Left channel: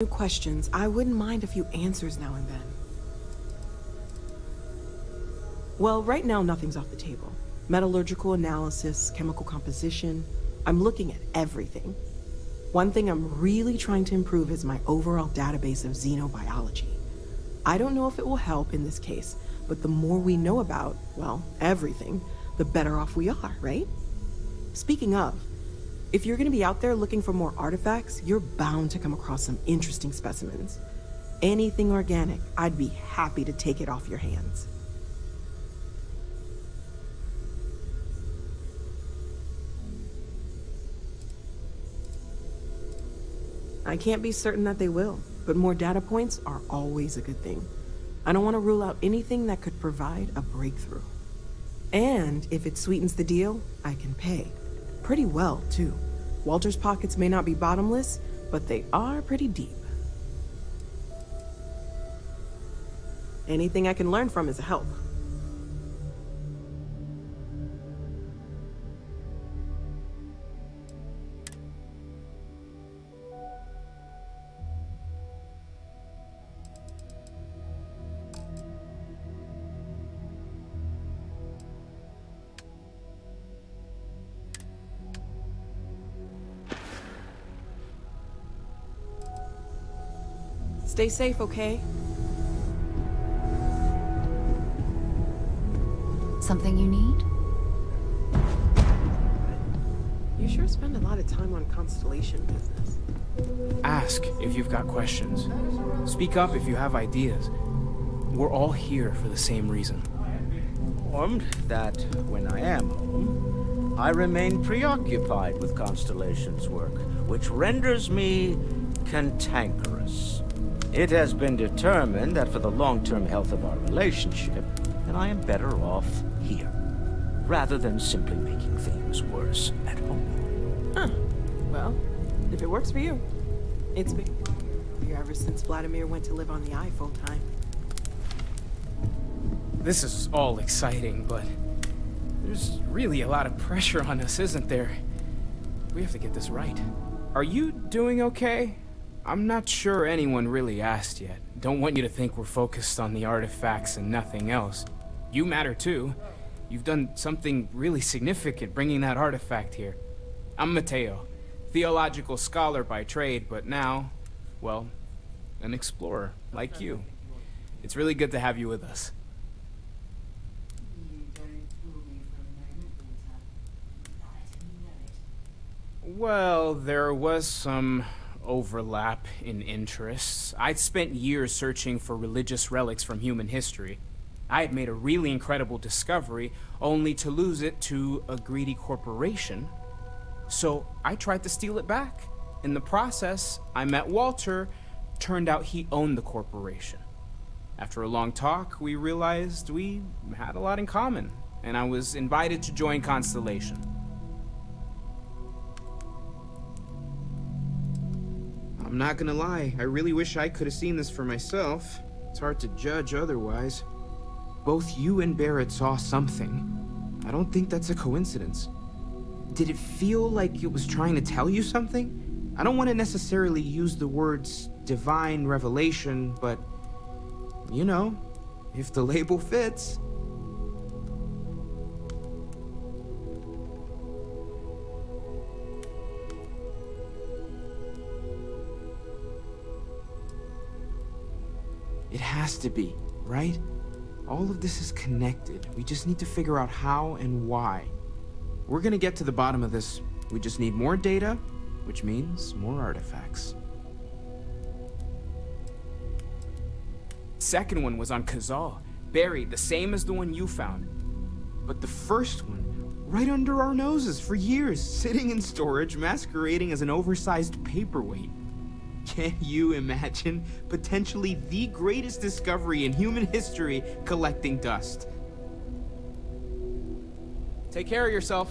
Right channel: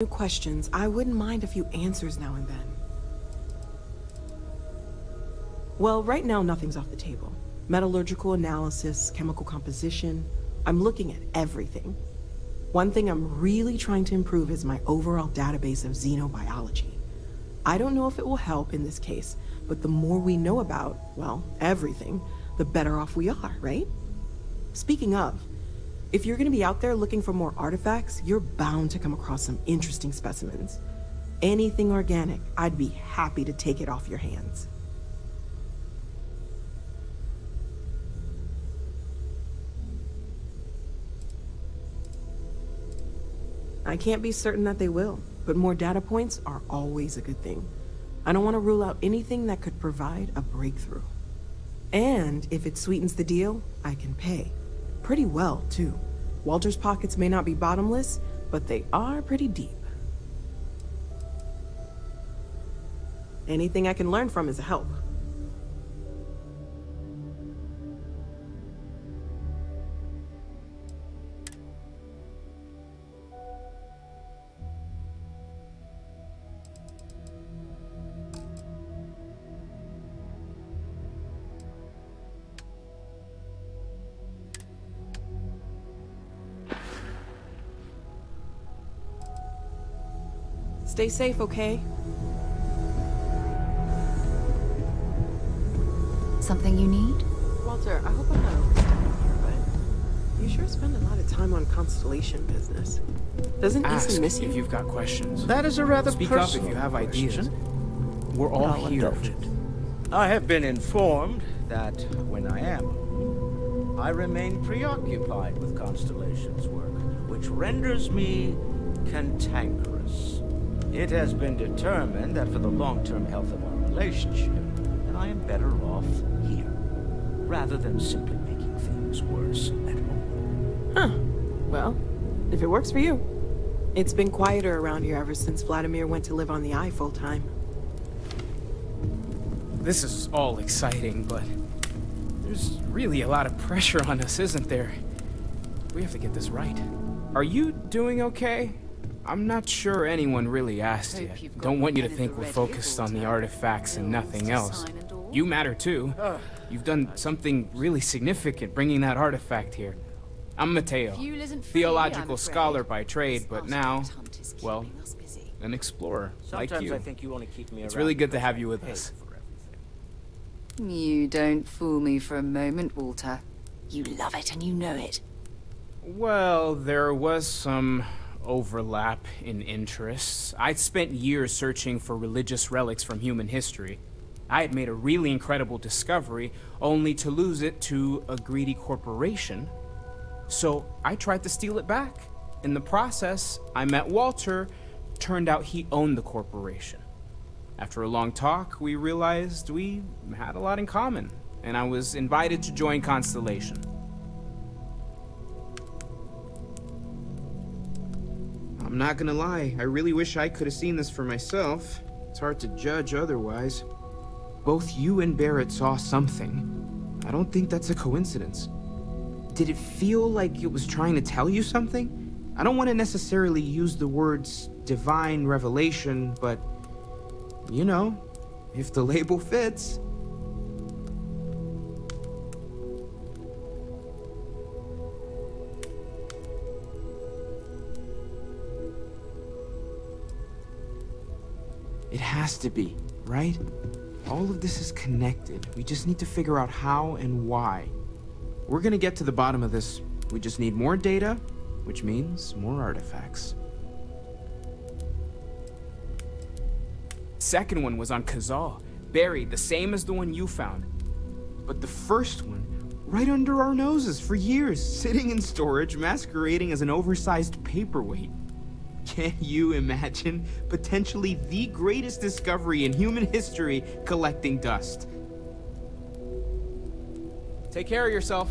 New questions, I wouldn't mind a few answers now and then. Well, right now nothing's off the table. Metallurgical analysis, chemical composition, I'm looking at everything. One thing I'm really trying to improve is my overall database of xenobiology. I don't know if it will help in this case, but the more we know about, well, everything, the better off we are, right? Speaking of, if you're gonna be out there looking for more artifacts, you're bound to come across some interesting specimens. Anything organic, I'd be happy to take it off your hands. I can't be certain that they will, but more data points are always a good thing. I don't want to rule out anything that could provide a breakthrough. And if it sweetens the deal, I can pay. Pretty well, too. Walter's pockets may not be bottomless, but they are pretty deep. Anything I can learn from is a help. Stay safe, okay? Something you need? Walter, I hope I'm not upset with you, but you sure spend a lot of time on Constellation business. Doesn't Ask miss if you? you've got questions. That is a rather Speak up if you have ideas. question. We're all No, here don't. for the same reason. I have been informed that when I am home, I remain preoccupied with Constellation's work, which renders me cantankerous. It has been determined that for the long-term health of our relationship, then I am better off here, rather than simply making things worse at home. Huh. Well, if it works for you. It's been quieter around here ever since Vladimir went to live on the Eye full-time. This is all exciting, but there's really a lot of pressure on us, isn't there? We have to get this right. Are you doing okay? I'm not sure anyone really asked yet. Don't want you to think we're focused on the artifacts and nothing else. You matter too. You've done something really significant bringing that artifact here. I'm Mateo, theological scholar by trade, but now, well, an explorer like Sometimes you. I think you want to keep me It's around really good to because have you you with pay us. for everything. You don't fool me for a moment, Walter. You love it and you know it. Well, there was some overlap in interests. I'd spent years searching for religious relics from human history. I had made a really incredible discovery, only to lose it to a greedy corporation. So I tried to steal it back. In the process, I met Walter. Turned out he owned the corporation. After a long talk, we realized we had a lot in common, and I was invited to join Constellation. I'm not gonna lie, I really wish I could have seen this for myself. It's hard to judge otherwise. Both you and Barrett saw something. I don't think that's a coincidence. Did it feel like it was trying to tell you something? I don't want to necessarily use the words divine revelation, but you know, if the label fits. It has to be, right? All of this is connected. We just need to figure out how and why. We're gonna get to the bottom of this. We just need more data, which means more artifacts. Second one was on Kazal, buried, the same as the one you found. But the first one, right under our noses for years, sitting in storage, masquerading as an oversized paperweight. Can you imagine potentially the greatest discovery in human history collecting dust? Take care of yourself.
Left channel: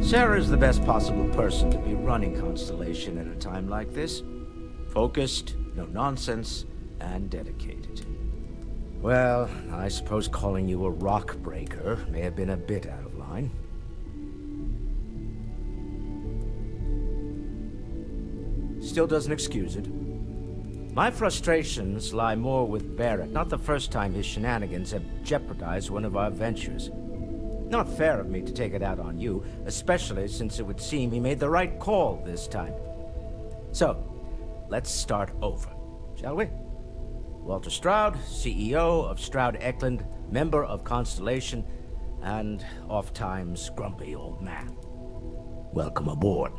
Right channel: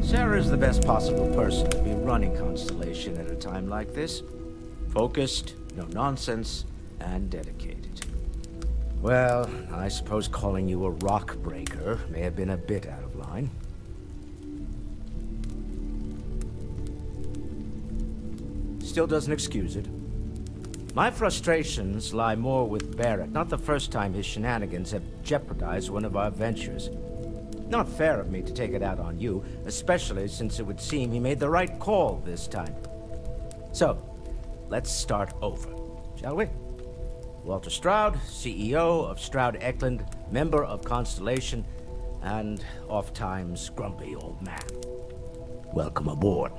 Sarah's the best possible person to be running Constellation at a time like this. Focused, no nonsense, and dedicated. Well, I suppose calling you a rock breaker may have been a bit out of line. still doesn't excuse it. My frustrations lie more with Barrett. Not the first time his shenanigans have jeopardized one of our ventures. Not fair of me to take it out on you, especially since it would seem he made the right call this time. So, let's start over, shall we? Walter Stroud, CEO of Stroud Eklund, member of Constellation, and oft-times grumpy old man. Welcome aboard.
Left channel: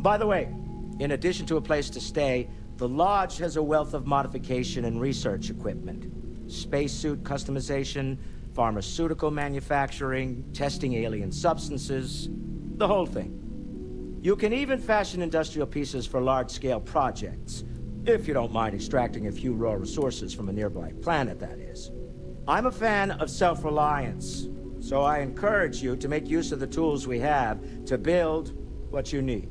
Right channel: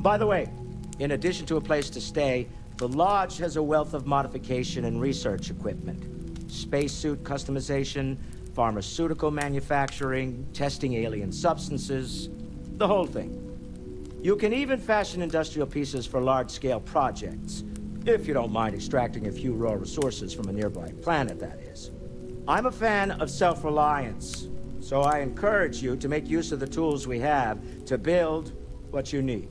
By the way, in addition to a place to stay, the Lodge has a wealth of modification and research equipment. Spacesuit customization, pharmaceutical manufacturing, testing alien substances, the whole thing. You can even fashion industrial pieces for large-scale projects, if you don't mind extracting a few raw resources from a nearby planet, that is. I'm a fan of self-reliance, so I encourage you to make use of the tools we have to build what you need.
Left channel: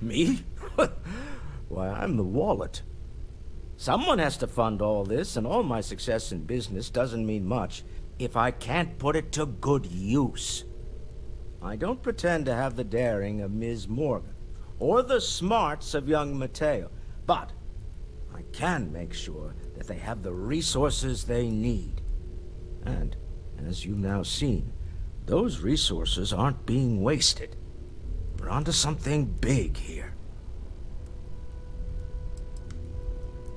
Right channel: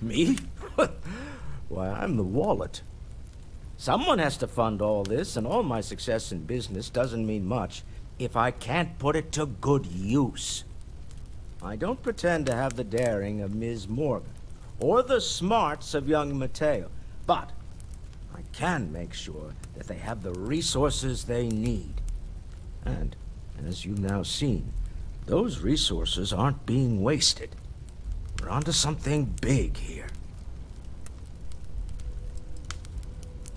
Me? Why, I'm the wallet. Someone has to fund all this, and all my success in business doesn't mean much if I can't put it to good use. I don't pretend to have the daring of Ms. Morgan, or the smarts of young Mateo, but I can make sure that they have the resources they need. And, as you've now seen, those resources aren't being wasted. We're onto something big here.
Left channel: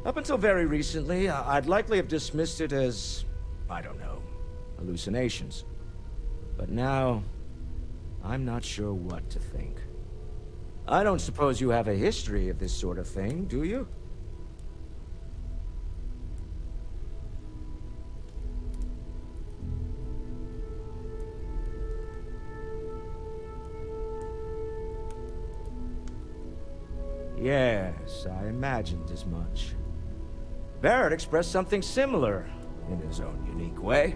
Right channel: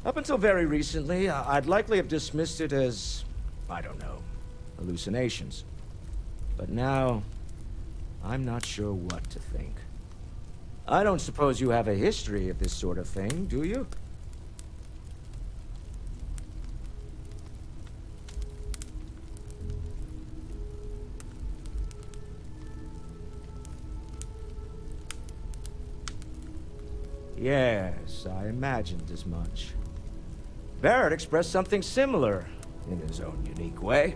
Up until very recently, I'd likely have dismissed it as, I don't know, hallucinations. But now, I'm not sure what to think. I don't suppose you have a history of this sort of thing, do you? Yes, I imagined as much. Barrett expressed something similar, in his own unique way.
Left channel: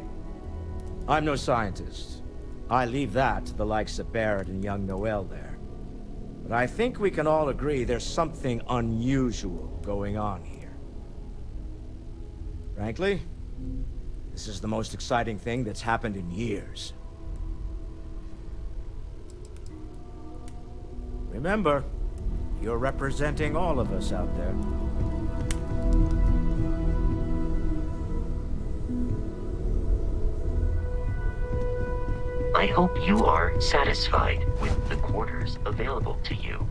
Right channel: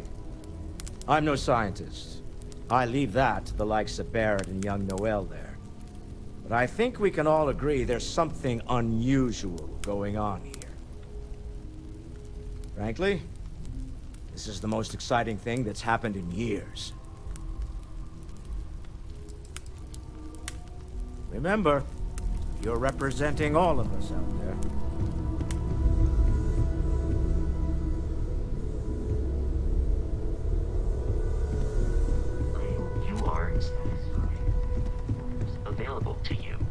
I'm no scientist. I leave that to the likes of Barrett and young Noel there. But I think we can all agree there's something unusual going on here. Frankly, this is the most exciting thing that's happened in years. Remember, you're representing all of us out there. I hope you are satisfied with the quarters available to you.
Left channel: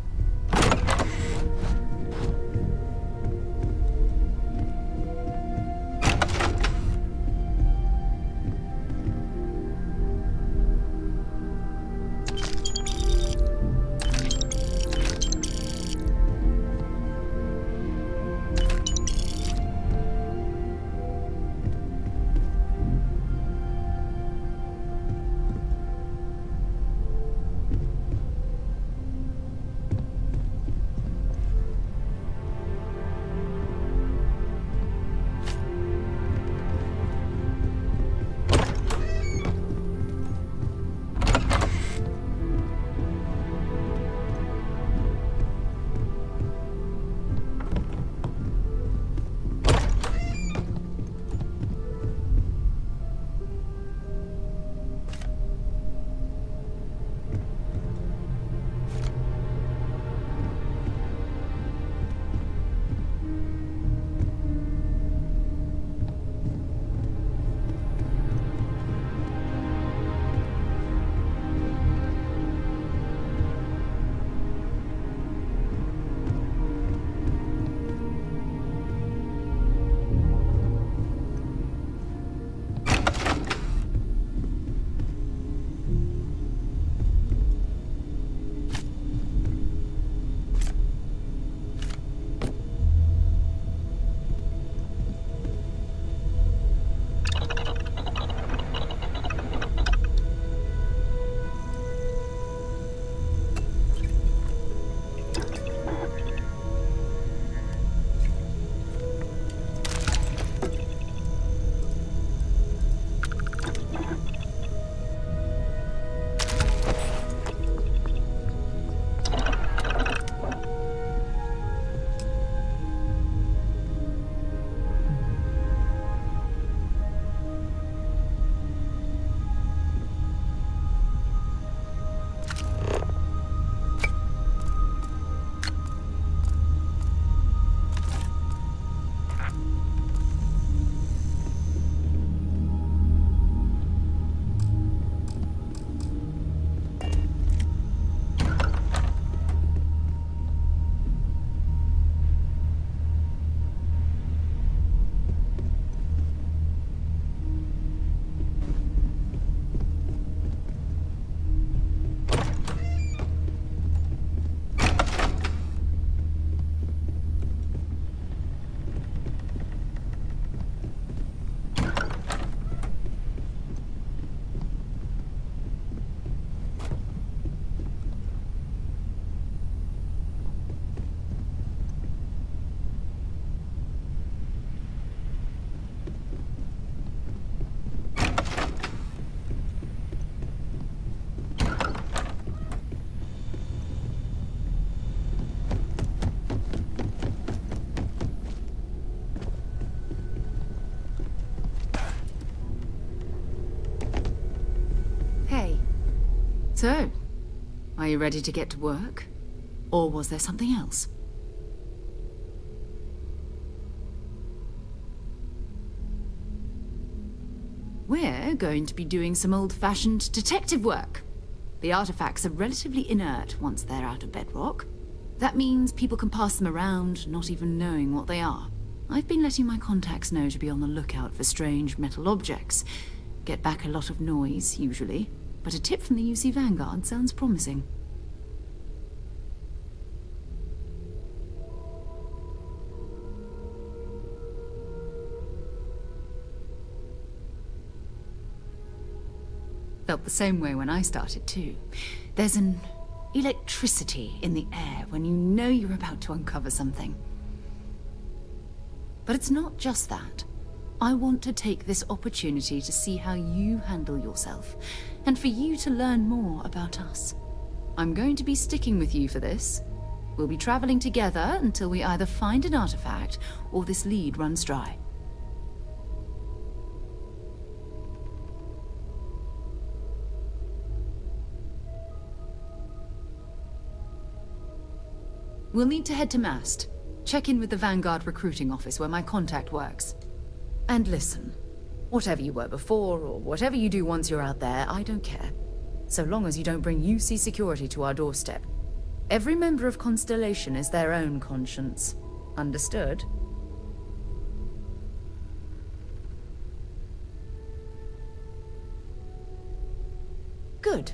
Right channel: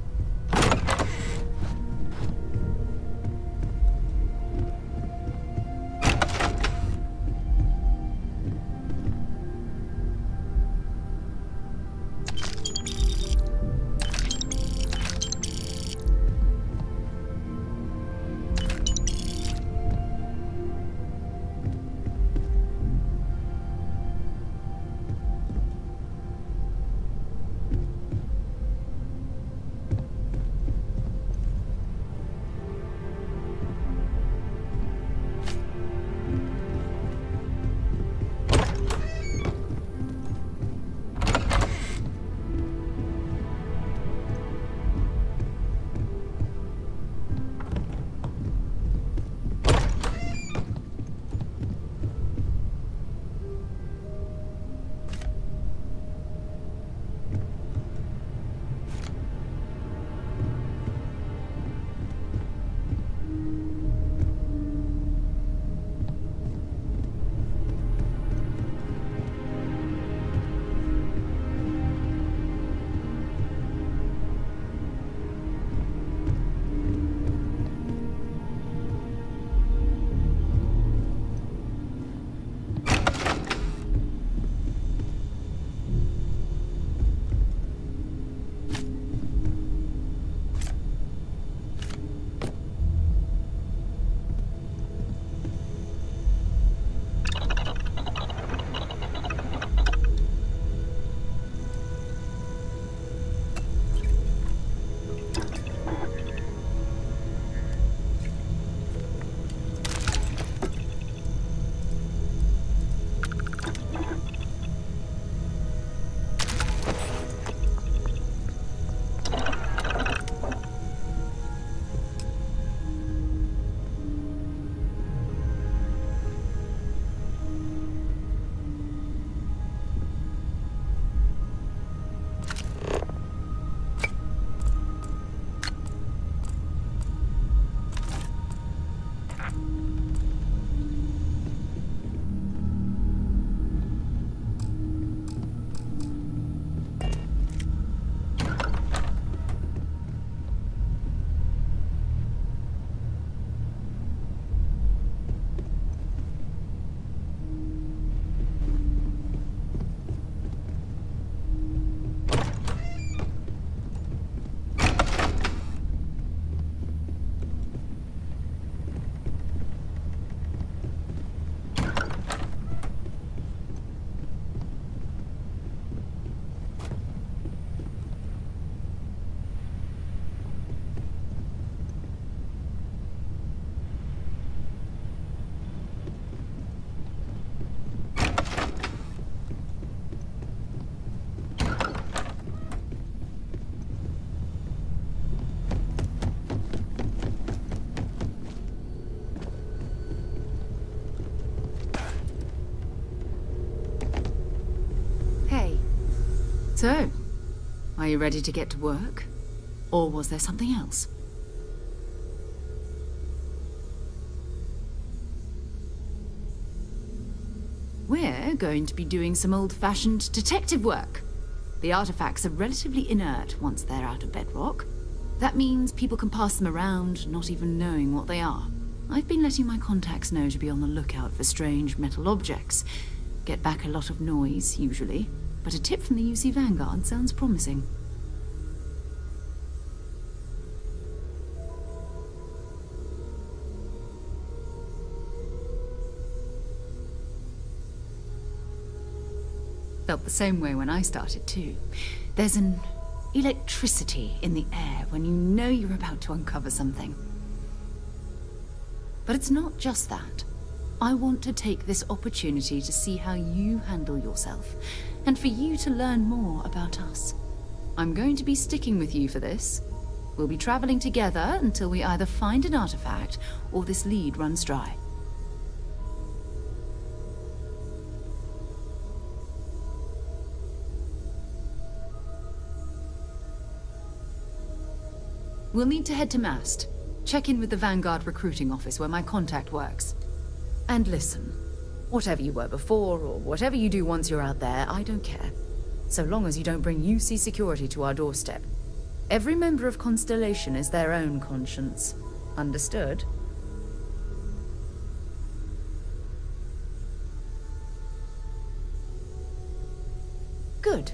So, are you ready to get to work? Or was there something else? We're going to be doing some old-fashioned detective work. The artifacts are relatively inert once they're out of bedrock. That means people can pass them around, not even knowing what they are. I've been letting my contacts know to be on the lookout for strange metal objects. Get back a lot of noise, usually, but a tip from the UC Vanguard sounds promising. Felt the same way when I started too. There's an electricity in the air when you know you're about to uncover something. But it's not just that. I want to take this opportunity to see how you handle yourself, and for you to learn more about us. I'm going to be sticking with you for this. We'll be traveling together until we either find an artifact or this lead runs dry. We'll need to head to Mast. Check in with the Vanguard recruiting office where my contact works. And listen, whatever you were before, or whatever you do once you're out there, I don't care. So long as you don't bring UC security to our doorstep. Every member of Constellation is their own conscience. Understood? Good.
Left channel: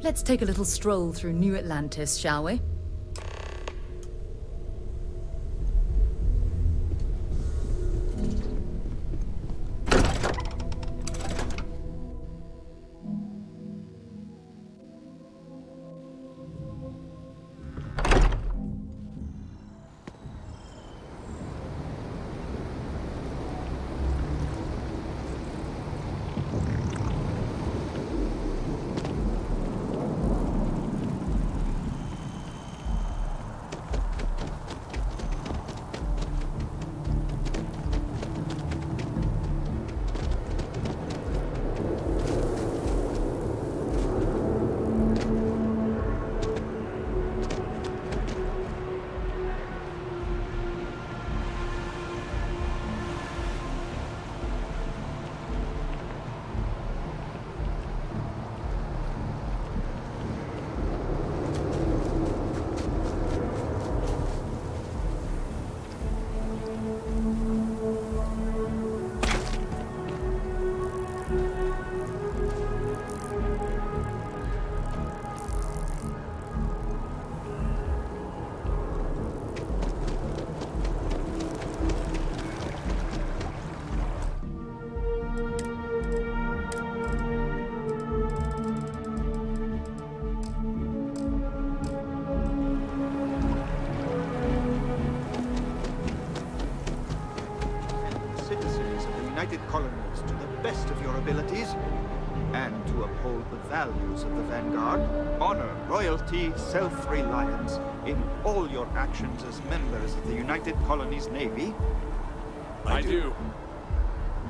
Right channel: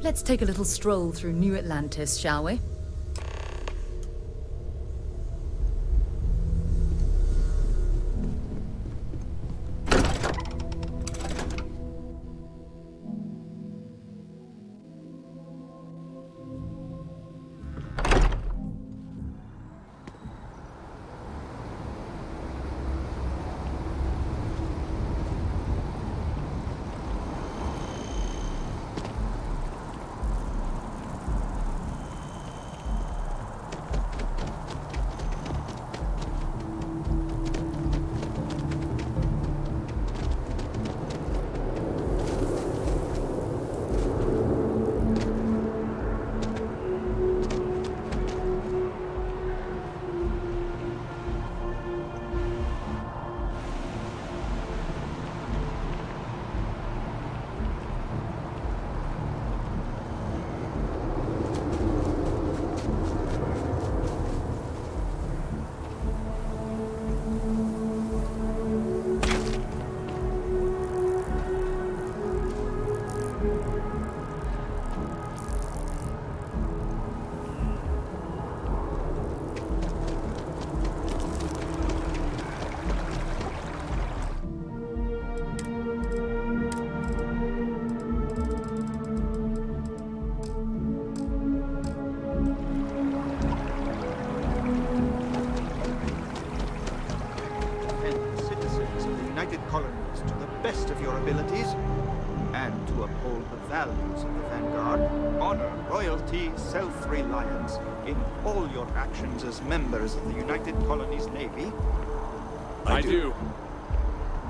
Let's take a little stroll through New Atlantis, shall we? United Colonies to the best of your abilities, and to uphold the values of the Vanguard, honor, loyalty, self-reliance in all your actions as members of the United Colonies Navy? I do.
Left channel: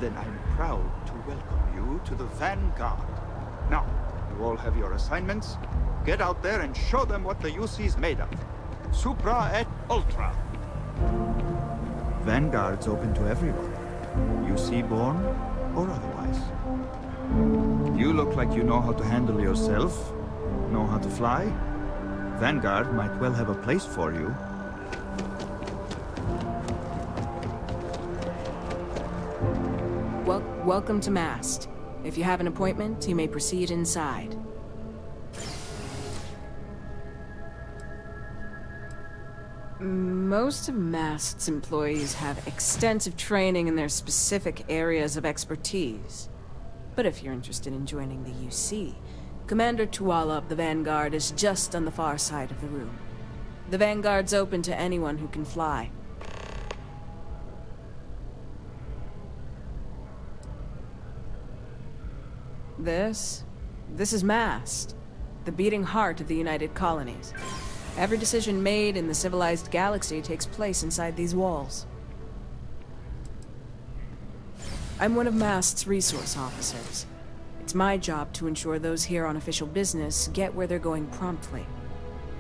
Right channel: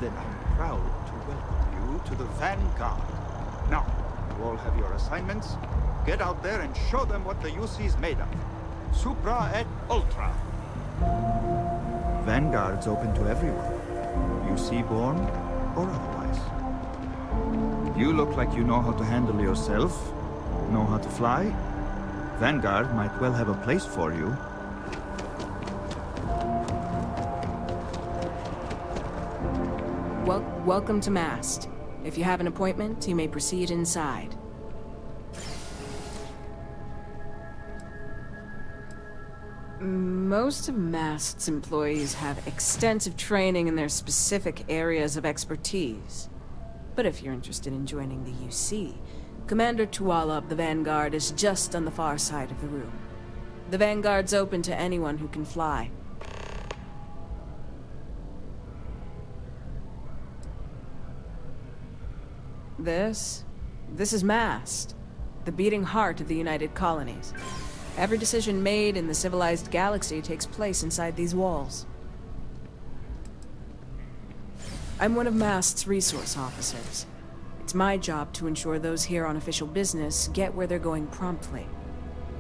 Then I'm proud to welcome you to the Vanguard. Now, you all have your assignments. Get out there and show them what the UC's made of. Supra et Ultra. Vanguard's open to everyone. UC born or otherwise. You look like you know how to handle yourself, know how to fly. Vanguard might well have a place for you. Welcome to Mast. If you have an appointment, you may proceed inside. Most of Mast's employees have extensive training in their specific areas of expertise. But if you're interested in joining the UC, Commander Tuala of the Vanguard is just on the far side of the room. The Vanguard's open to anyone who can fly. This is Mast, the beating heart of the United Colonies. Every decision made in the civilized galaxy takes place inside these walls. I'm one of Mast's resource officers. It's my job to ensure those here on official business get where they're going promptly,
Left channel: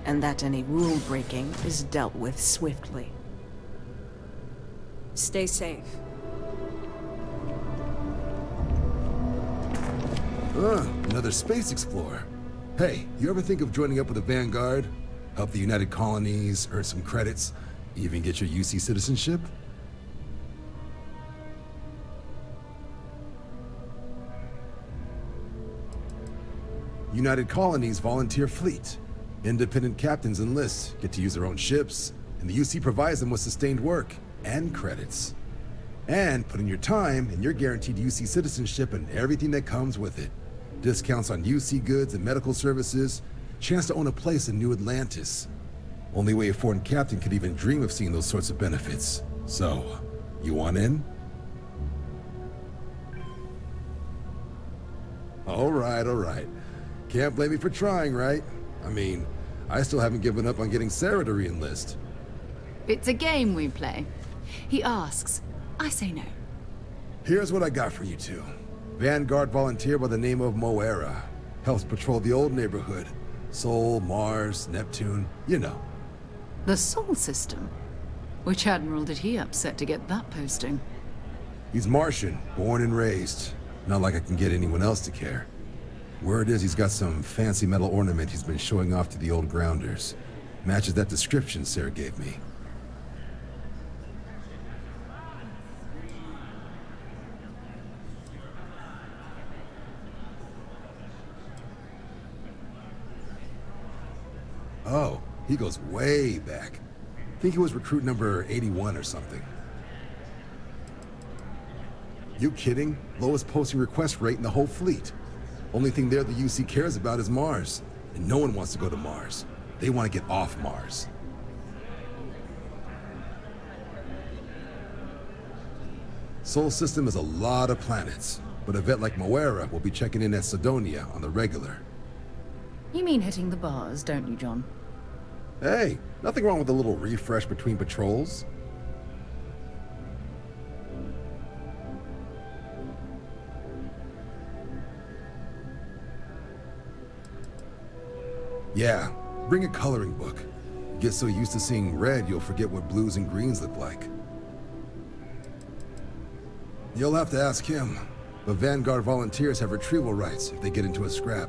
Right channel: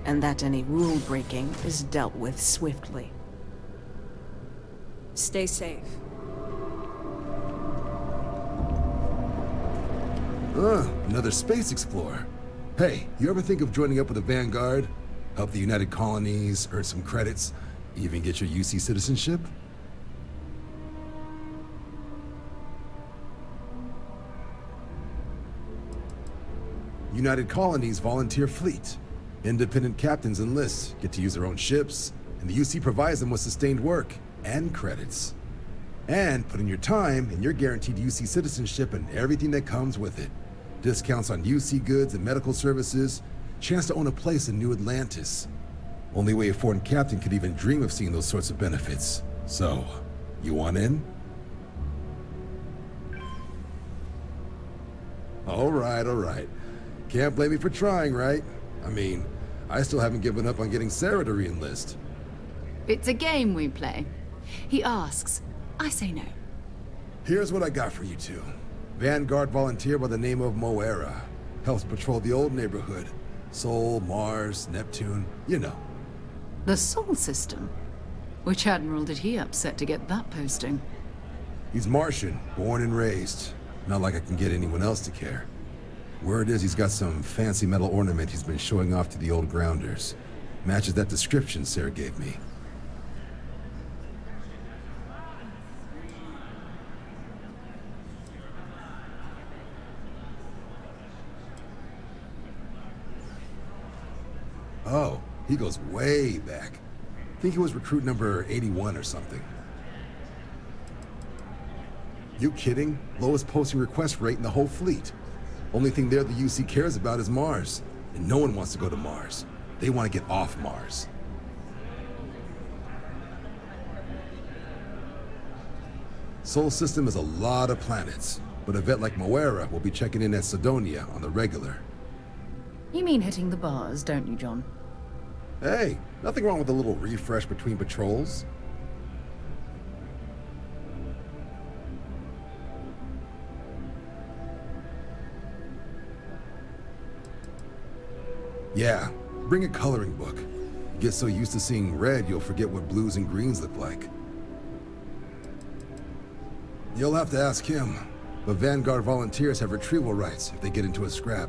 and that any rule breaking is dealt with swiftly. Stay safe. Another space explorer. Hey, you ever think of joining up with the Vanguard? Help the United Colonies, earn some credits, even get your UC citizenship? United Colonies volunteer fleet. Independent captains enlist, get to use their own ships, and the UC provides them with sustained work and credits. And put in your time, and you're guaranteed UC citizenship and everything that comes with it. Discounts on UC goods and medical services, chance to own a place in New Atlantis. Only way a foreign captain could even dream of seeing those sorts of benefits. So, you want in? All right. Can't blame me for trying, right? I mean, I still haven't given up on getting Sarah to re-enlist. It's a game we play. He asks, I say no. Here's what I got for you two. Vanguard volunteer by the name of Moera. Helps patrol the old neighborhood. Sol, Mars, Neptune, you know. The Sol system? Which admiral did he upset to get that posting? He's Martian, born and raised. Not like I can get anyone else to care. Word is he's got some fancy metal ornament he's been showing off to the old grounders. Matches that description Sarah gave me. Oh, he goes way back. Think he was recruit number 81 or something. You kidding? Lowest posting request rate in the whole fleet. Only thing there the UC cares about is Mars. And no one wants to go to Mars. They want to get off Mars. Sol system is a lot of planets, but a vet like Moera will be checking in at Sidonia on the regular. You mean hitting the bars, don't you, John? Hey, nothing wrong with a little refresh between patrols. Yeah, bring a coloring book. Get so used to seeing red, you'll forget what blues and greens look like. You'll have to ask him, but Vanguard volunteers have retrieval rights if they get into a scrap.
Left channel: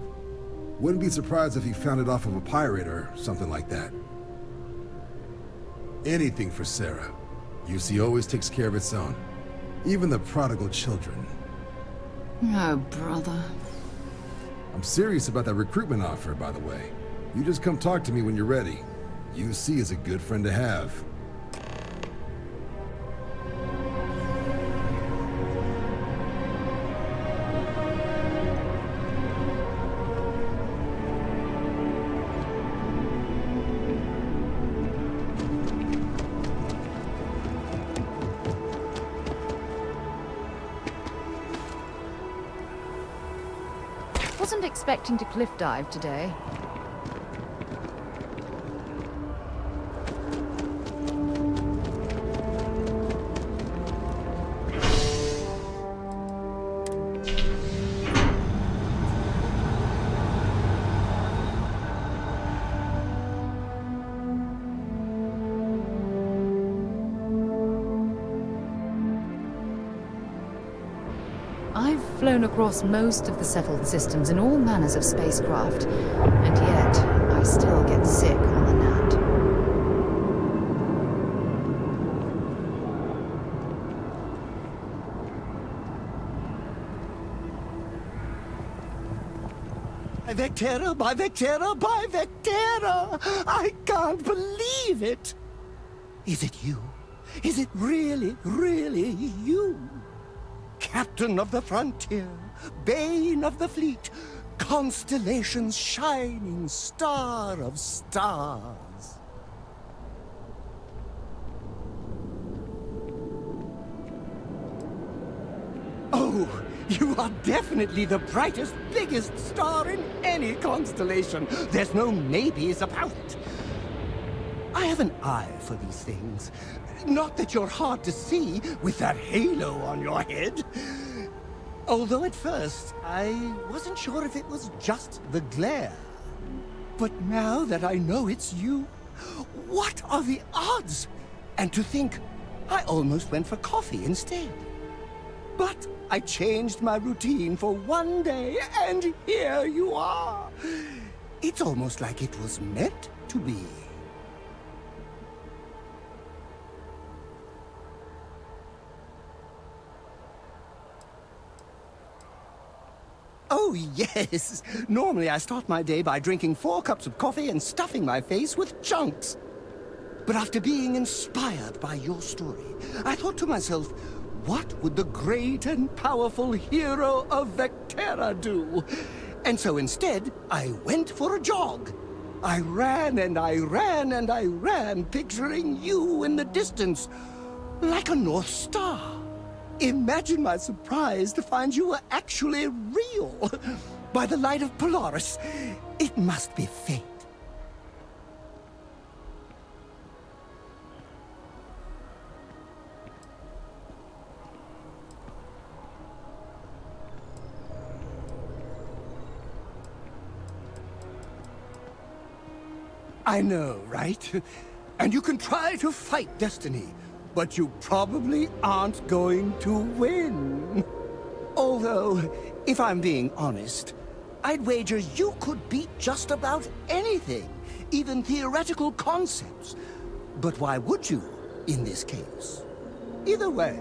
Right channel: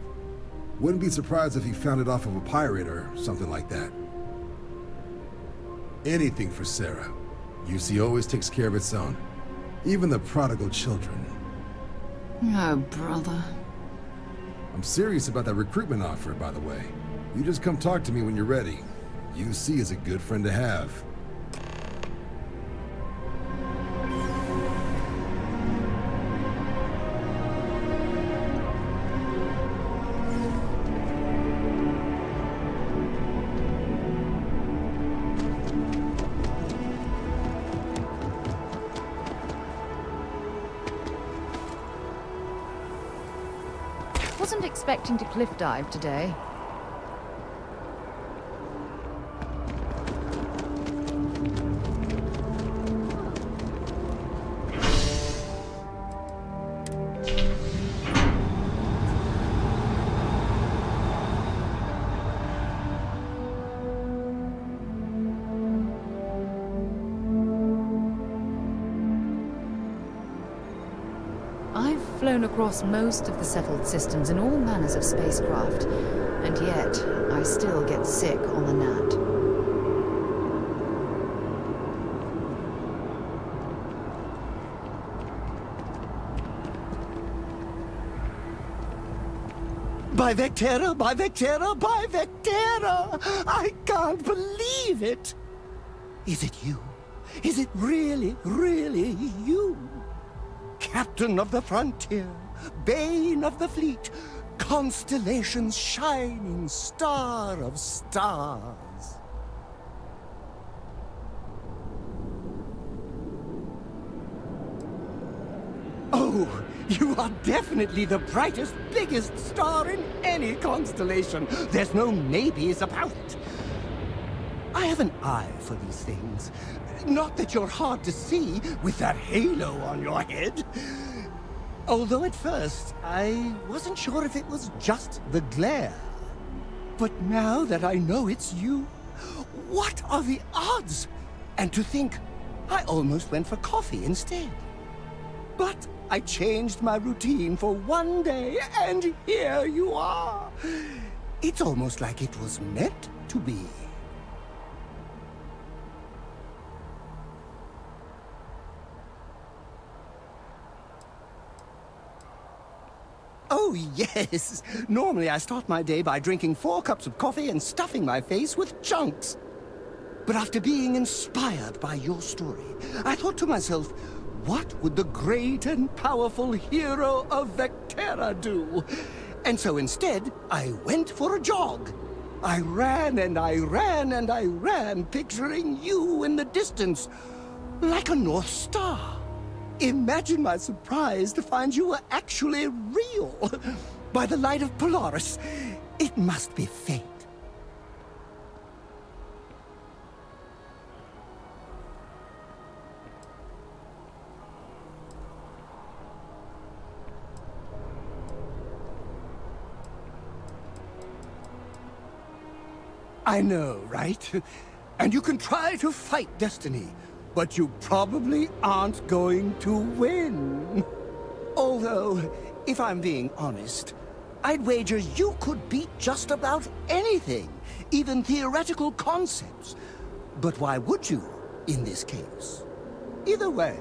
Wouldn't be surprised if he found it off of a pirate or something like that. Anything for Sarah. UC always takes care of its own. Even the prodigal children. Oh, brother. I'm serious about that recruitment offer, by the way. You just come talk to me when you're ready. UC is a good friend to have. Wasn't expecting to cliff dive today. I've flown across most of the settled systems in all manners of spacecraft, and yet I still get sick on the gnat. By Vectera, by Vectera, by Vectera! I can't believe it! Is it you? Is it really, really you? Captain of the frontier, bane of the fleet, constellation's shining star of stars. Oh, you are definitely the brightest, biggest star in any constellation. There's no maybes about it. I have an eye for these things. Not that you're hard to see with that halo on your head. Although at first, I wasn't sure if it was just the glare. But now that I know it's you, what are the odds? And to think, I almost went for coffee instead. But I changed my routine for one day, and here you are. It's almost like it was meant to be. Oh, yes. Normally I start my day by drinking 4 cups of coffee and stuffing my face with chunks. But after being inspired by your story, I thought to myself, what would the great and powerful hero of Vectera do? And so instead, I went for a jog. I ran and I ran and I ran, picturing you in the distance, like a North Star. Imagine my surprise to find you were actually real. By the light of Polaris, it must be fate. I know, right? And you can try to fight destiny, but you probably aren't going to win. Although, if I'm being honest, I'd wager you could beat just about anything, even theoretical concepts. But why would you, in this case? Either way,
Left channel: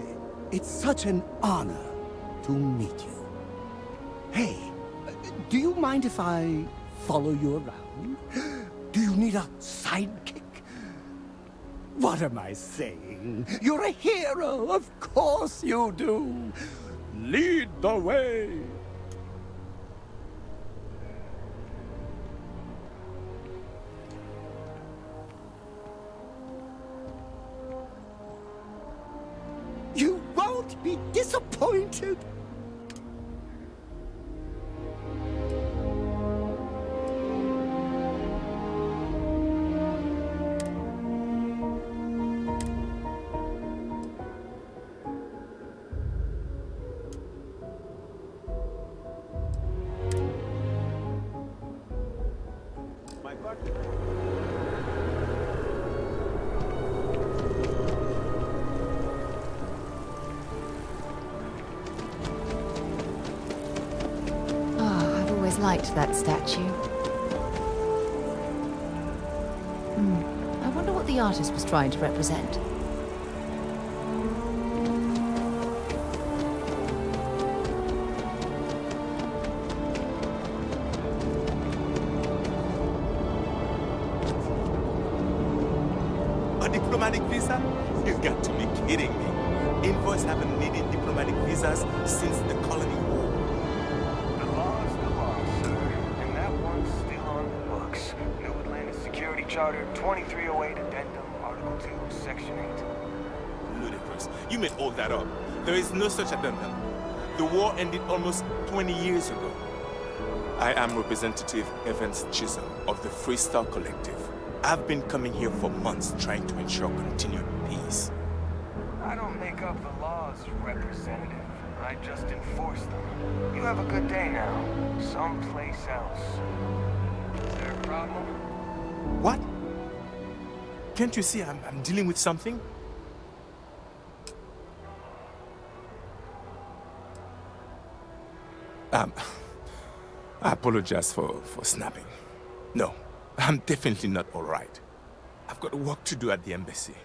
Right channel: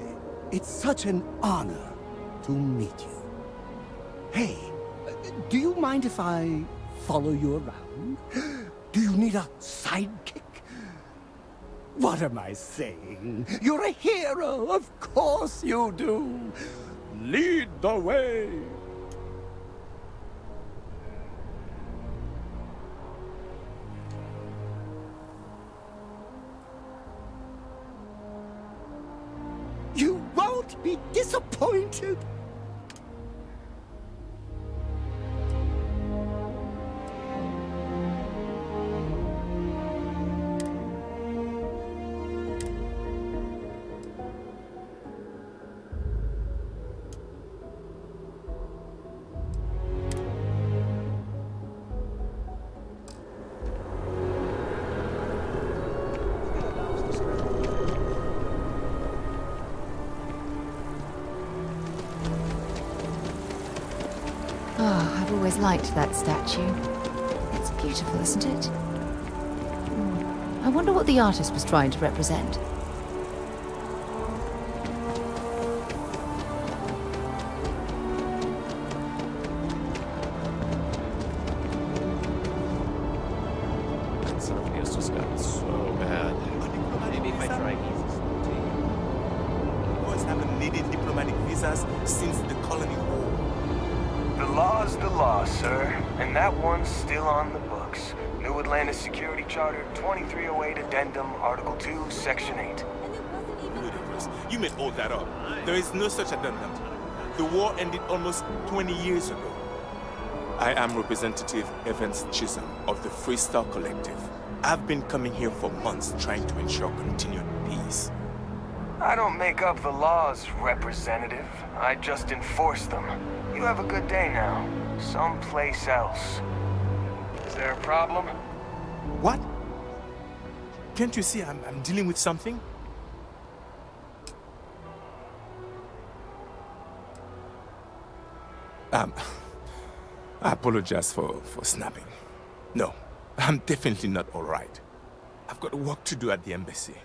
it's such an honor to meet you. Hey, do you mind if I follow you around? Do you need a sidekick? What am I saying? You're a hero, of course you do. Lead the way. You won't be disappointed. I've always liked that statue. It's beautiful, isn't it? I wonder what the artist was trying to represent. A diplomatic visa? You've got to be kidding me. Invoice haven't needed diplomatic visas since the colony war. The law's the law, sir, and that one's still on the books. New Atlantis Security Charter 2308 Addendum, Article 2, Section 8. Ludicrous. You made all that up. There is no such addendum. The war ended almost 20 years ago. I am Representative Evans Chisholm of the Freestyle Collective. I've been coming here for months trying to ensure continued peace. I don't make up the laws, Representative. I just enforce them. You have a good day now. Someplace else. Is there a problem? What? Can't you see I'm dealing with something? I apologize for snapping. No, I'm definitely not all right. I've got work to do at the embassy.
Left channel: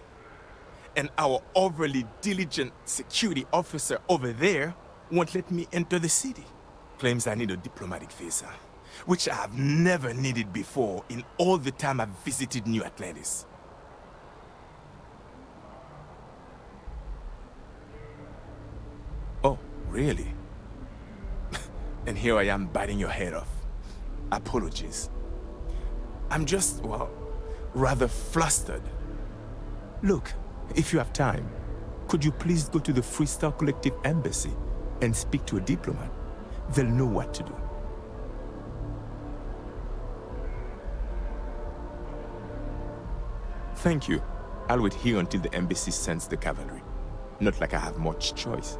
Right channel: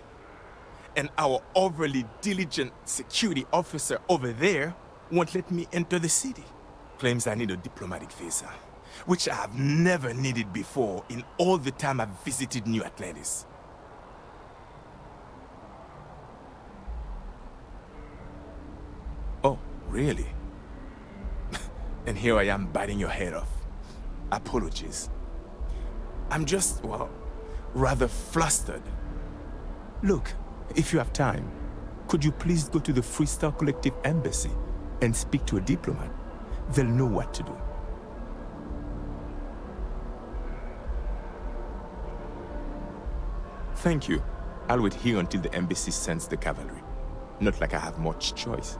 And our overly diligent security officer over there won't let me enter the city. Claims I need a diplomatic visa, which I have never needed before in all the time I've visited New Atlantis. Oh, really? And here I am biting your head off. Apologies. I'm just, well, rather flustered. Look, if you have time, could you please go to the Freestyle Collective embassy and speak to a diplomat? They'll know what to do. Thank you. I'll wait here until the embassy sends the cavalry. Not like I have much choice.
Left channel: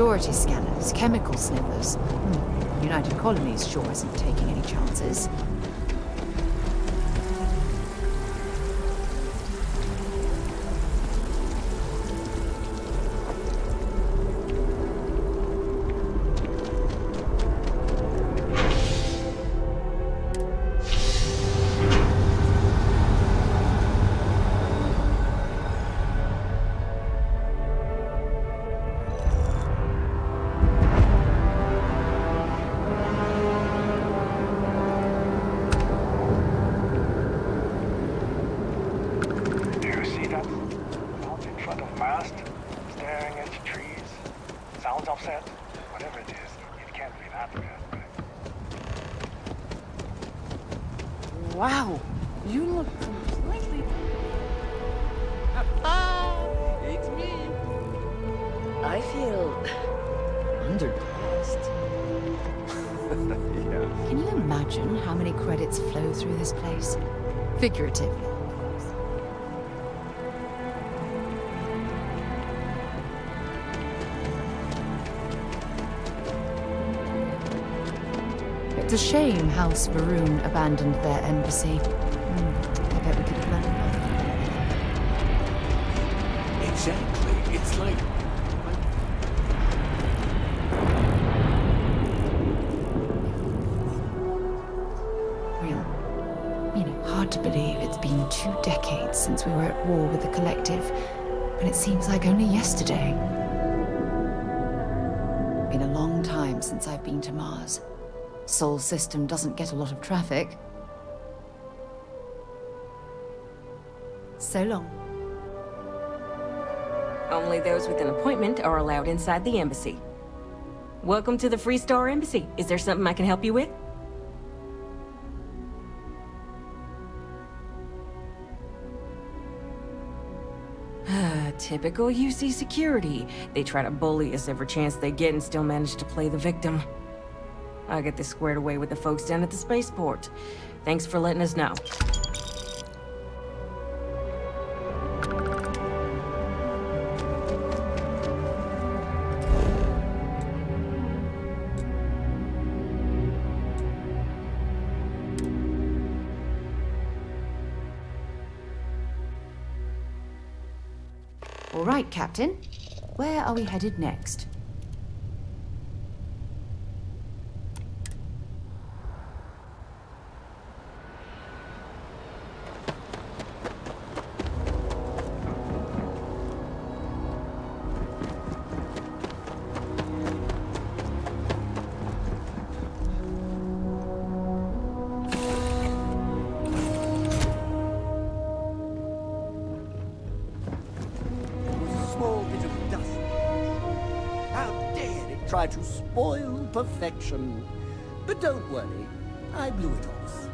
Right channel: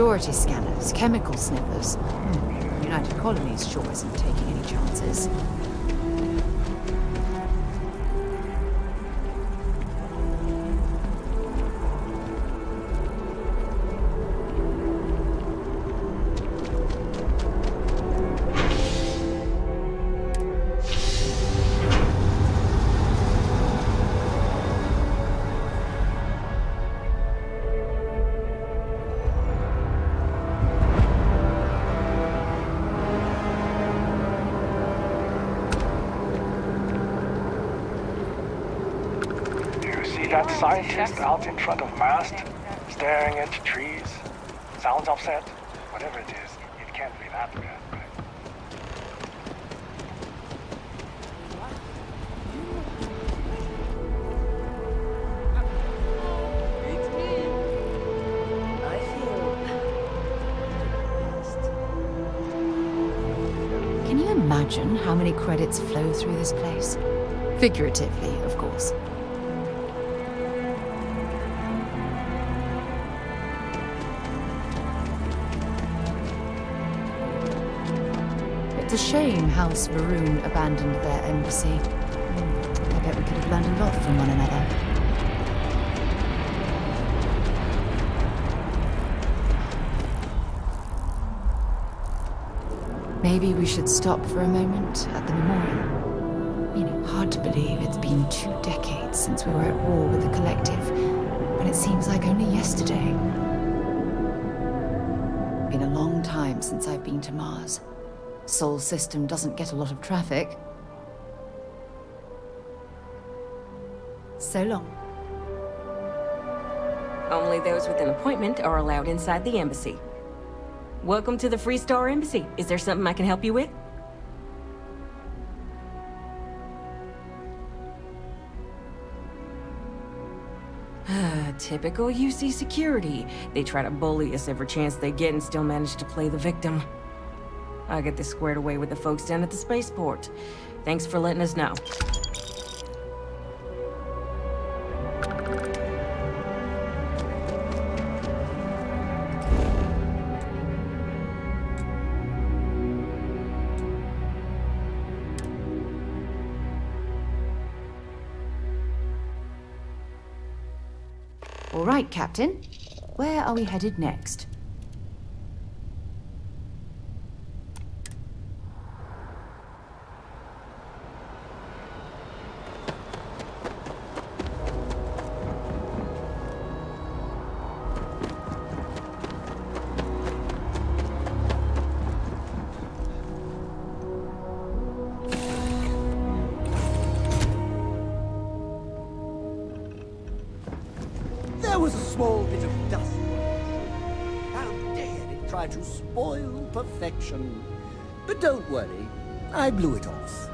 Security scanners, chemical sniffers. United Colonies sure isn't taking any chances. That scientist out in front of mast, staring at trees, sounds upset. Whatever it is, it can't be that bad, right? Wow, you look completely... It's me. I feel underdressed. Can you imagine how many credits flow through this place? Figuratively, of course. It's a shame House Varun abandoned their embassy. I bet we could have learned a lot from one another. Maybe we should stop for a moment at the memorial. You know, hard to believe it's been 2 decades since we were at war with the Collective, and it seems like only yesterday. Been a long time since I've been to Mars. Sol system doesn't get a lot of traffic. So long. Only those with an appointment are allowed inside the embassy. Welcome to the Freestar Embassy. Is there something I can help you with? Typical UC security. They try to bully us every chance they get and still manage to play the victim. I'll get this squared away with the folks down at the spaceport. Thanks for letting us know. All right, Captain. Where are we headed next? Small bit of dust. How dare it try to spoil perfection? But don't worry, I blew it off.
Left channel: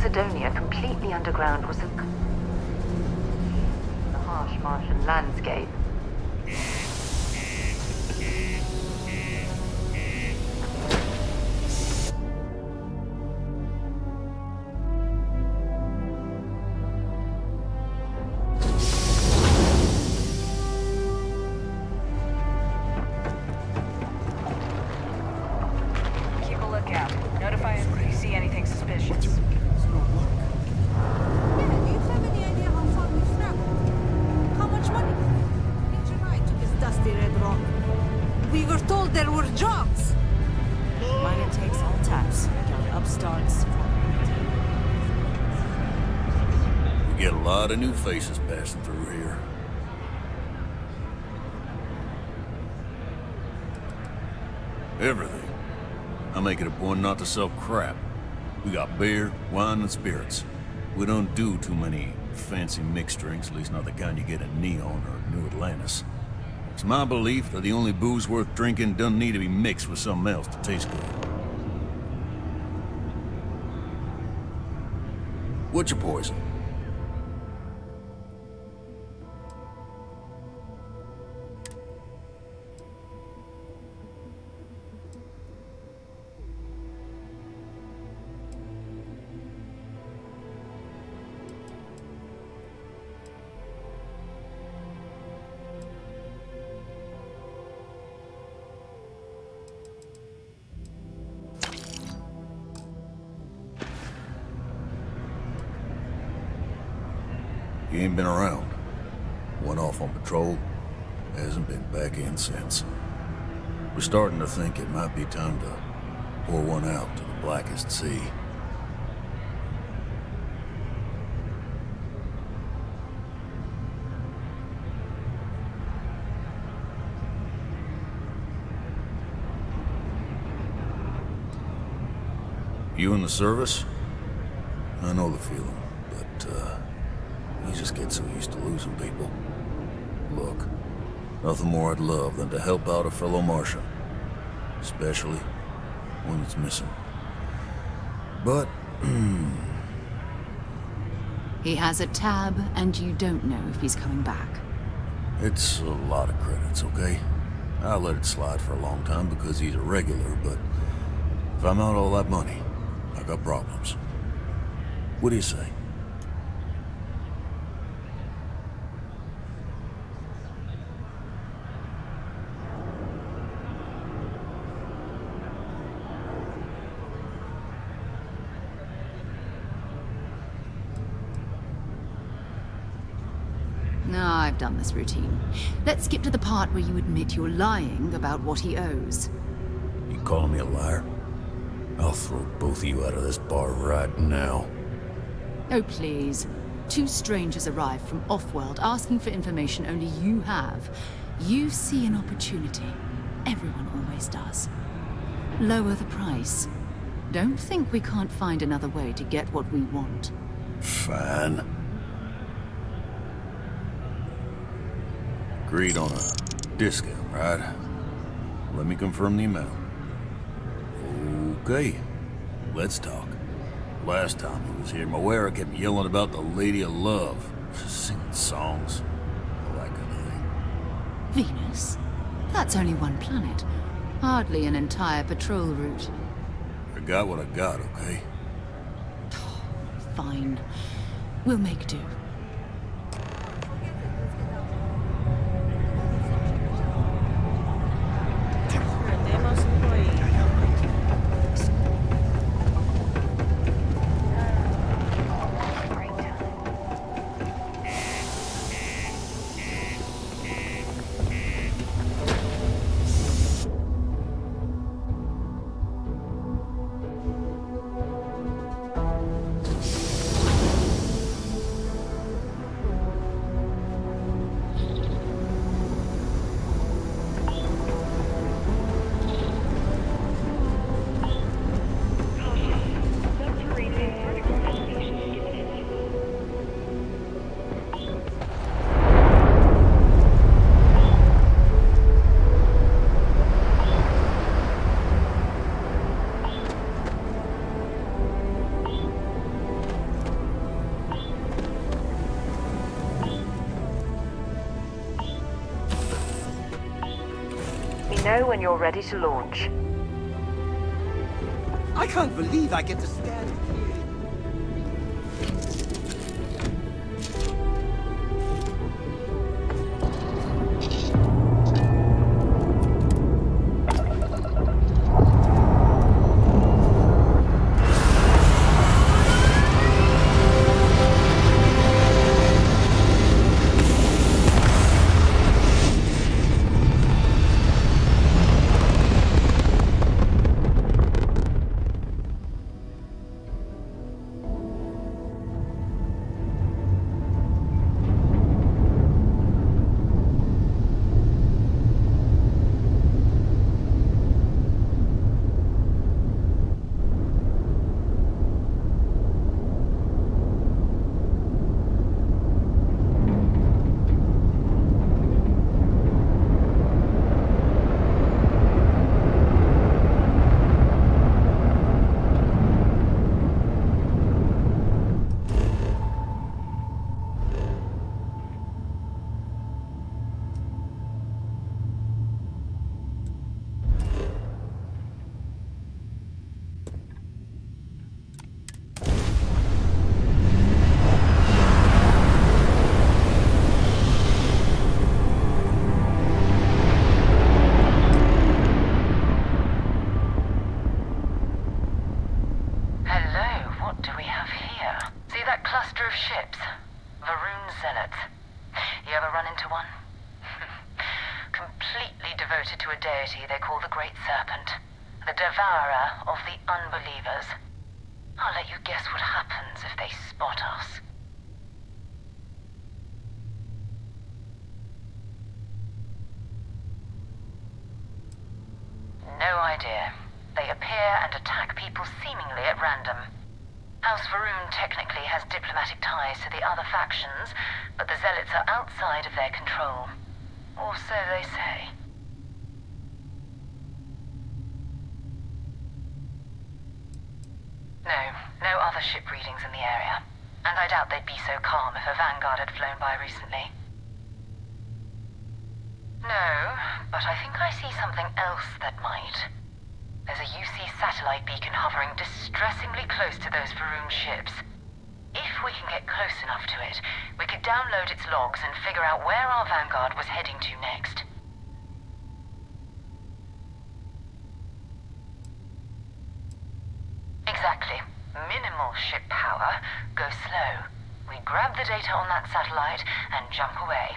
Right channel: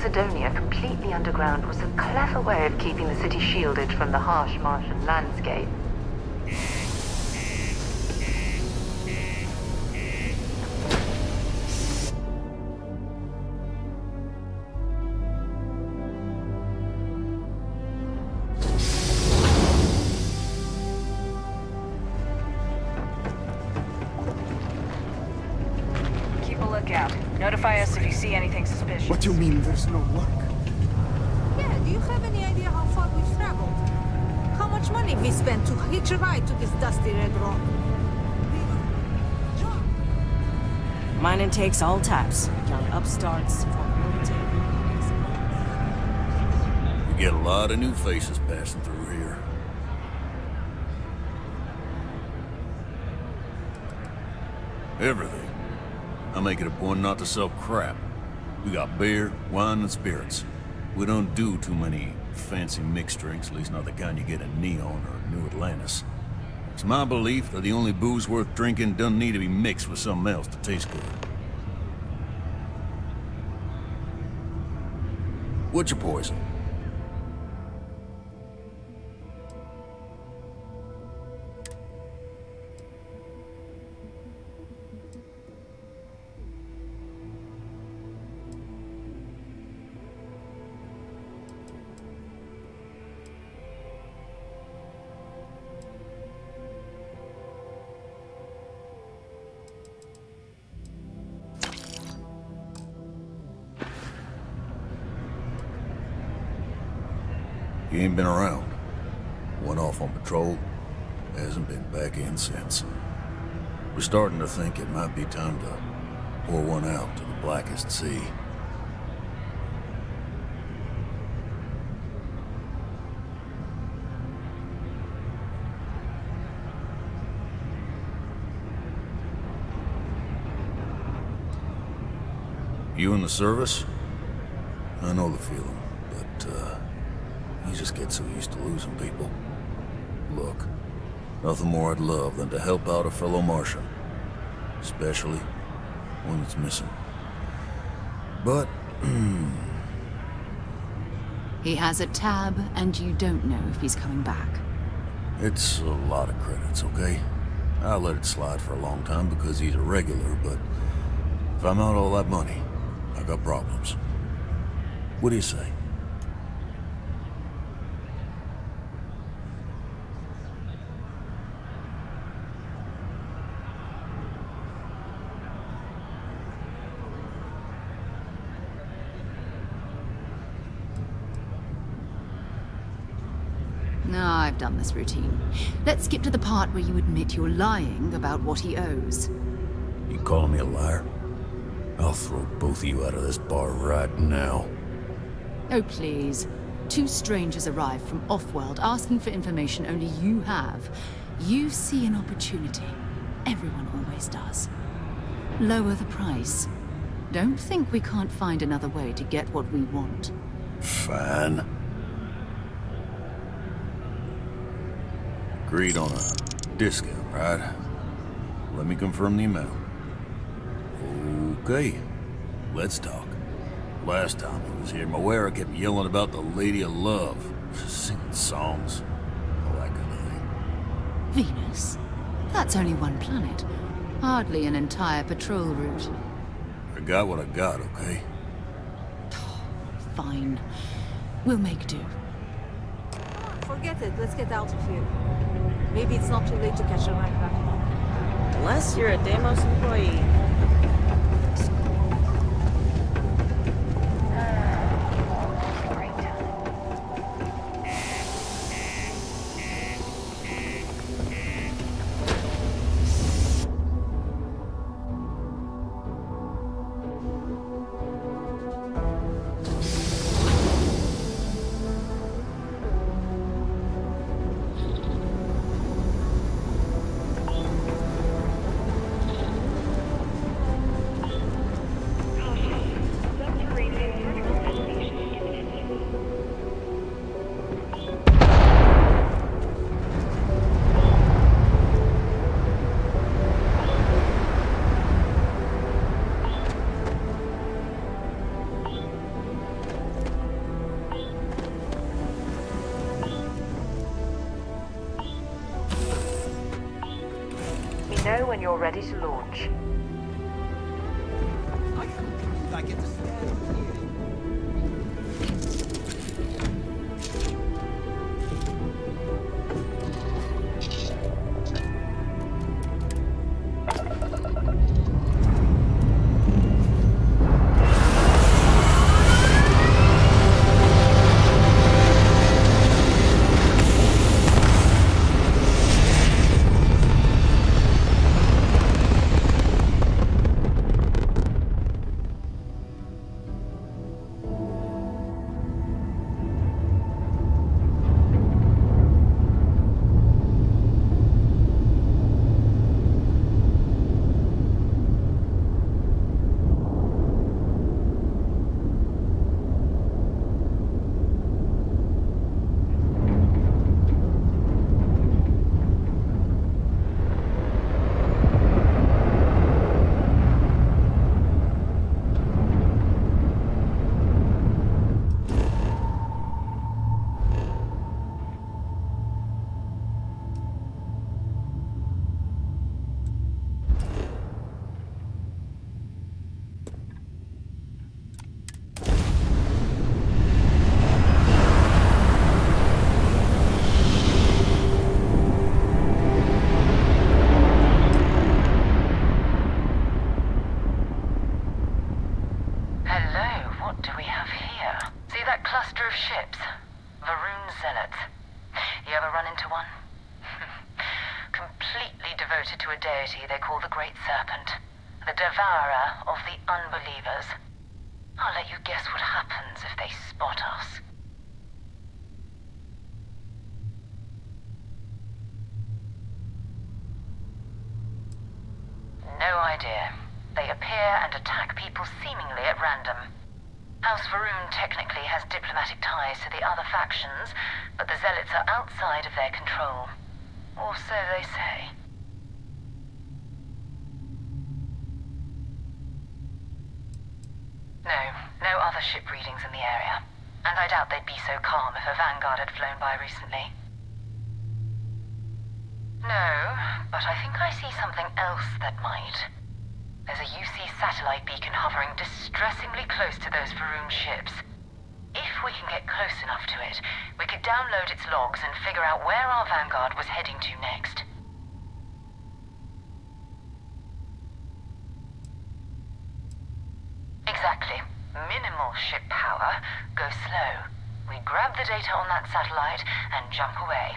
Cydonia completely underground was a clever way of keeping the city shielded from the harsh Martian landscape. Keep a lookout. Notify us if you see anything suspicious. What do you mean there's no work? Yeah, do you have any idea how far we've traveled? How much money we spent to hitch a ride to this dusty red rock? We were told there were jobs. Mining takes all types. Young upstarts. We get a lot of new faces passing through here. Everything. I make it a point not to sell crap. We got beer, wine, and spirits. We don't do too many fancy mixed drinks, at least not the kind you get in Neon or New Atlantis. It's my belief that the only booze worth drinking doesn't need to be mixed with something else to taste good. What's your poison? He ain't been around. Went off on patrol. Hasn't been back in since. We're starting to think it might be time to pour one out to the blackest sea. You in the service? I know the feeling, but, you just get so used to losing people. Look, nothing more I'd love than to help out a fellow Martian. Especially one that's missing. But, He has a tab, and you don't know if he's coming back. it's a lot of credits, okay? I let it slide for a long time because he's a regular, but if I'm out all that money, I got problems. What do you say? No, I've done this routine. Let's skip to the part where you admit you're lying about what he owes. You calling me a liar? I'll throw both of you out of this bar right now. Oh, please. Two strangers arrive from off-world asking for information only you have. You see an opportunity. Everyone always does. Lower the price. Don't think we can't find another way to get what we want. Fine. Agreed on a discount, right? Let me confirm the amount. Okay, let's talk. Last time he was here, Moira kept yelling about the Lady of Love, singing songs, all that kind of thing. Venus? That's only one planet. Hardly an entire patrol route. I got what I got, okay? Fine. We'll make do. Forget it. Let's get out of here. Maybe it's not too late to catch a ride. Unless you're a Deimos employee. know when you're ready to launch. I can't believe I get to stand here. devoted to a deity they call the Great Serpent, the devourer of the unbelievers. I'll let you guess what happens if they spot us. No idea. They appear and attack people seemingly at random. House Varun technically has diplomatic ties to the other factions, but the Zealots are outside of their control. Or so they say. No other ship readings in the area. And I doubt they'd be so calm if a Vanguard had flown by recently. No, but I think I see something else that might. There's a UC satellite beacon hovering distressingly close to those Varun ships. If we can get close enough to it, we could download its logs and figure out where our Vanguard was heading to next. Exactly. Minimal ship power, go slow. We grab the data on that satellite and jump away.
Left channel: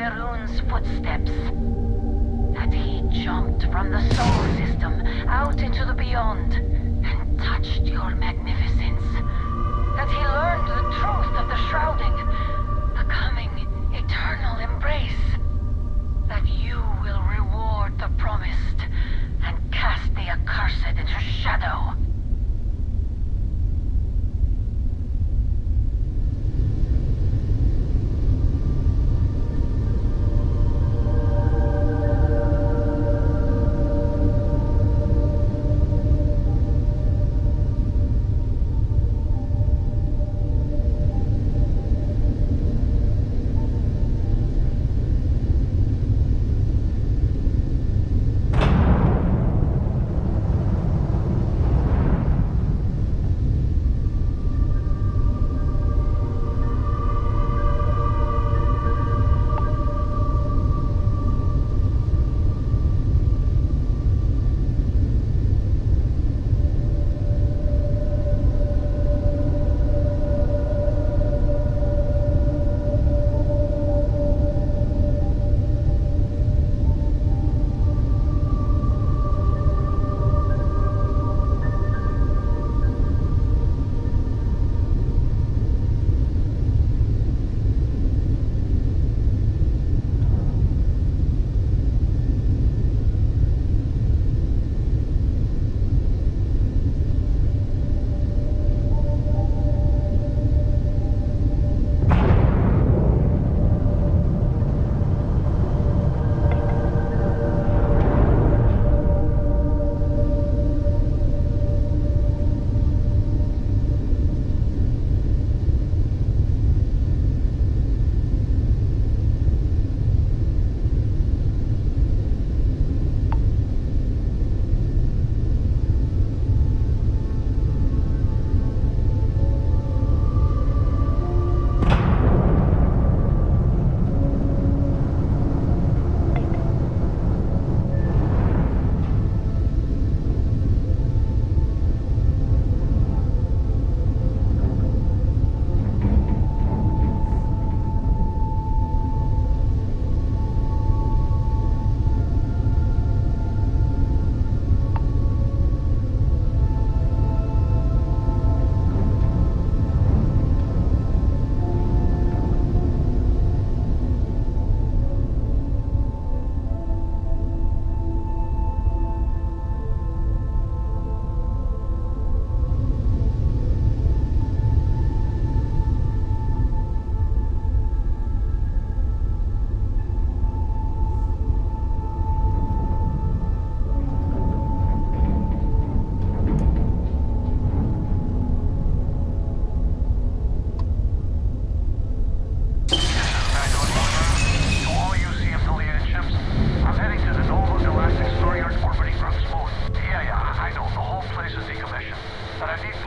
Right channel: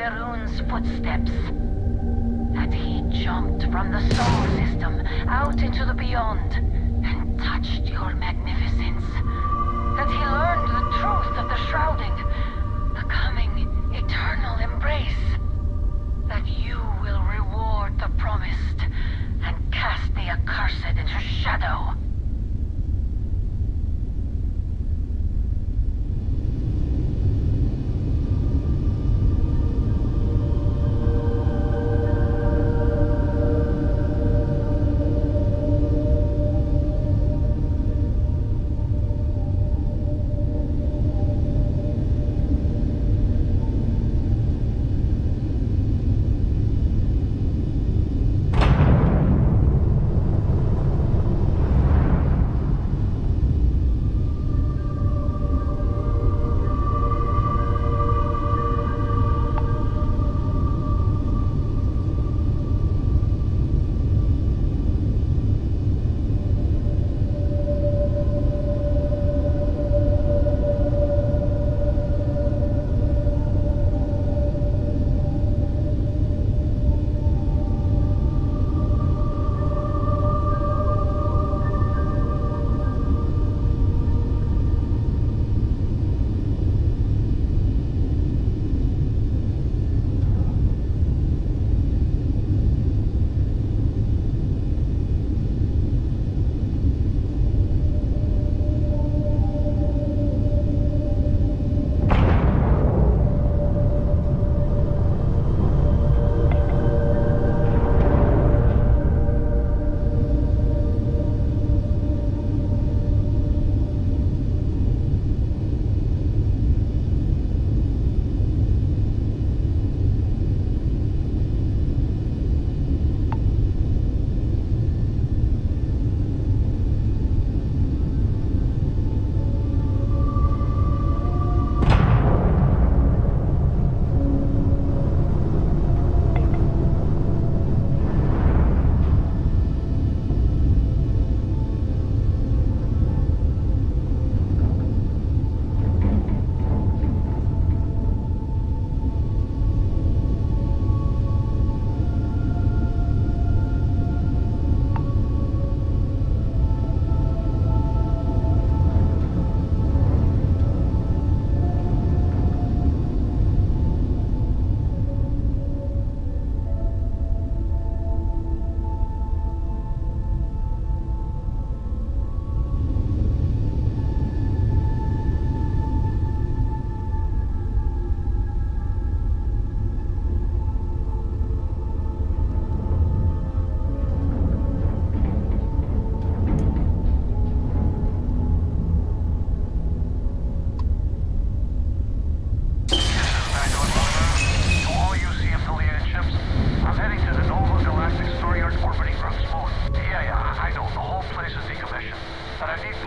Varun's footsteps. That he jumped from the solar system out into the beyond and touched your magnificence. That he learned the truth of the shrouding, the coming eternal embrace. That you will reward the promised and cast the accursed into shadow.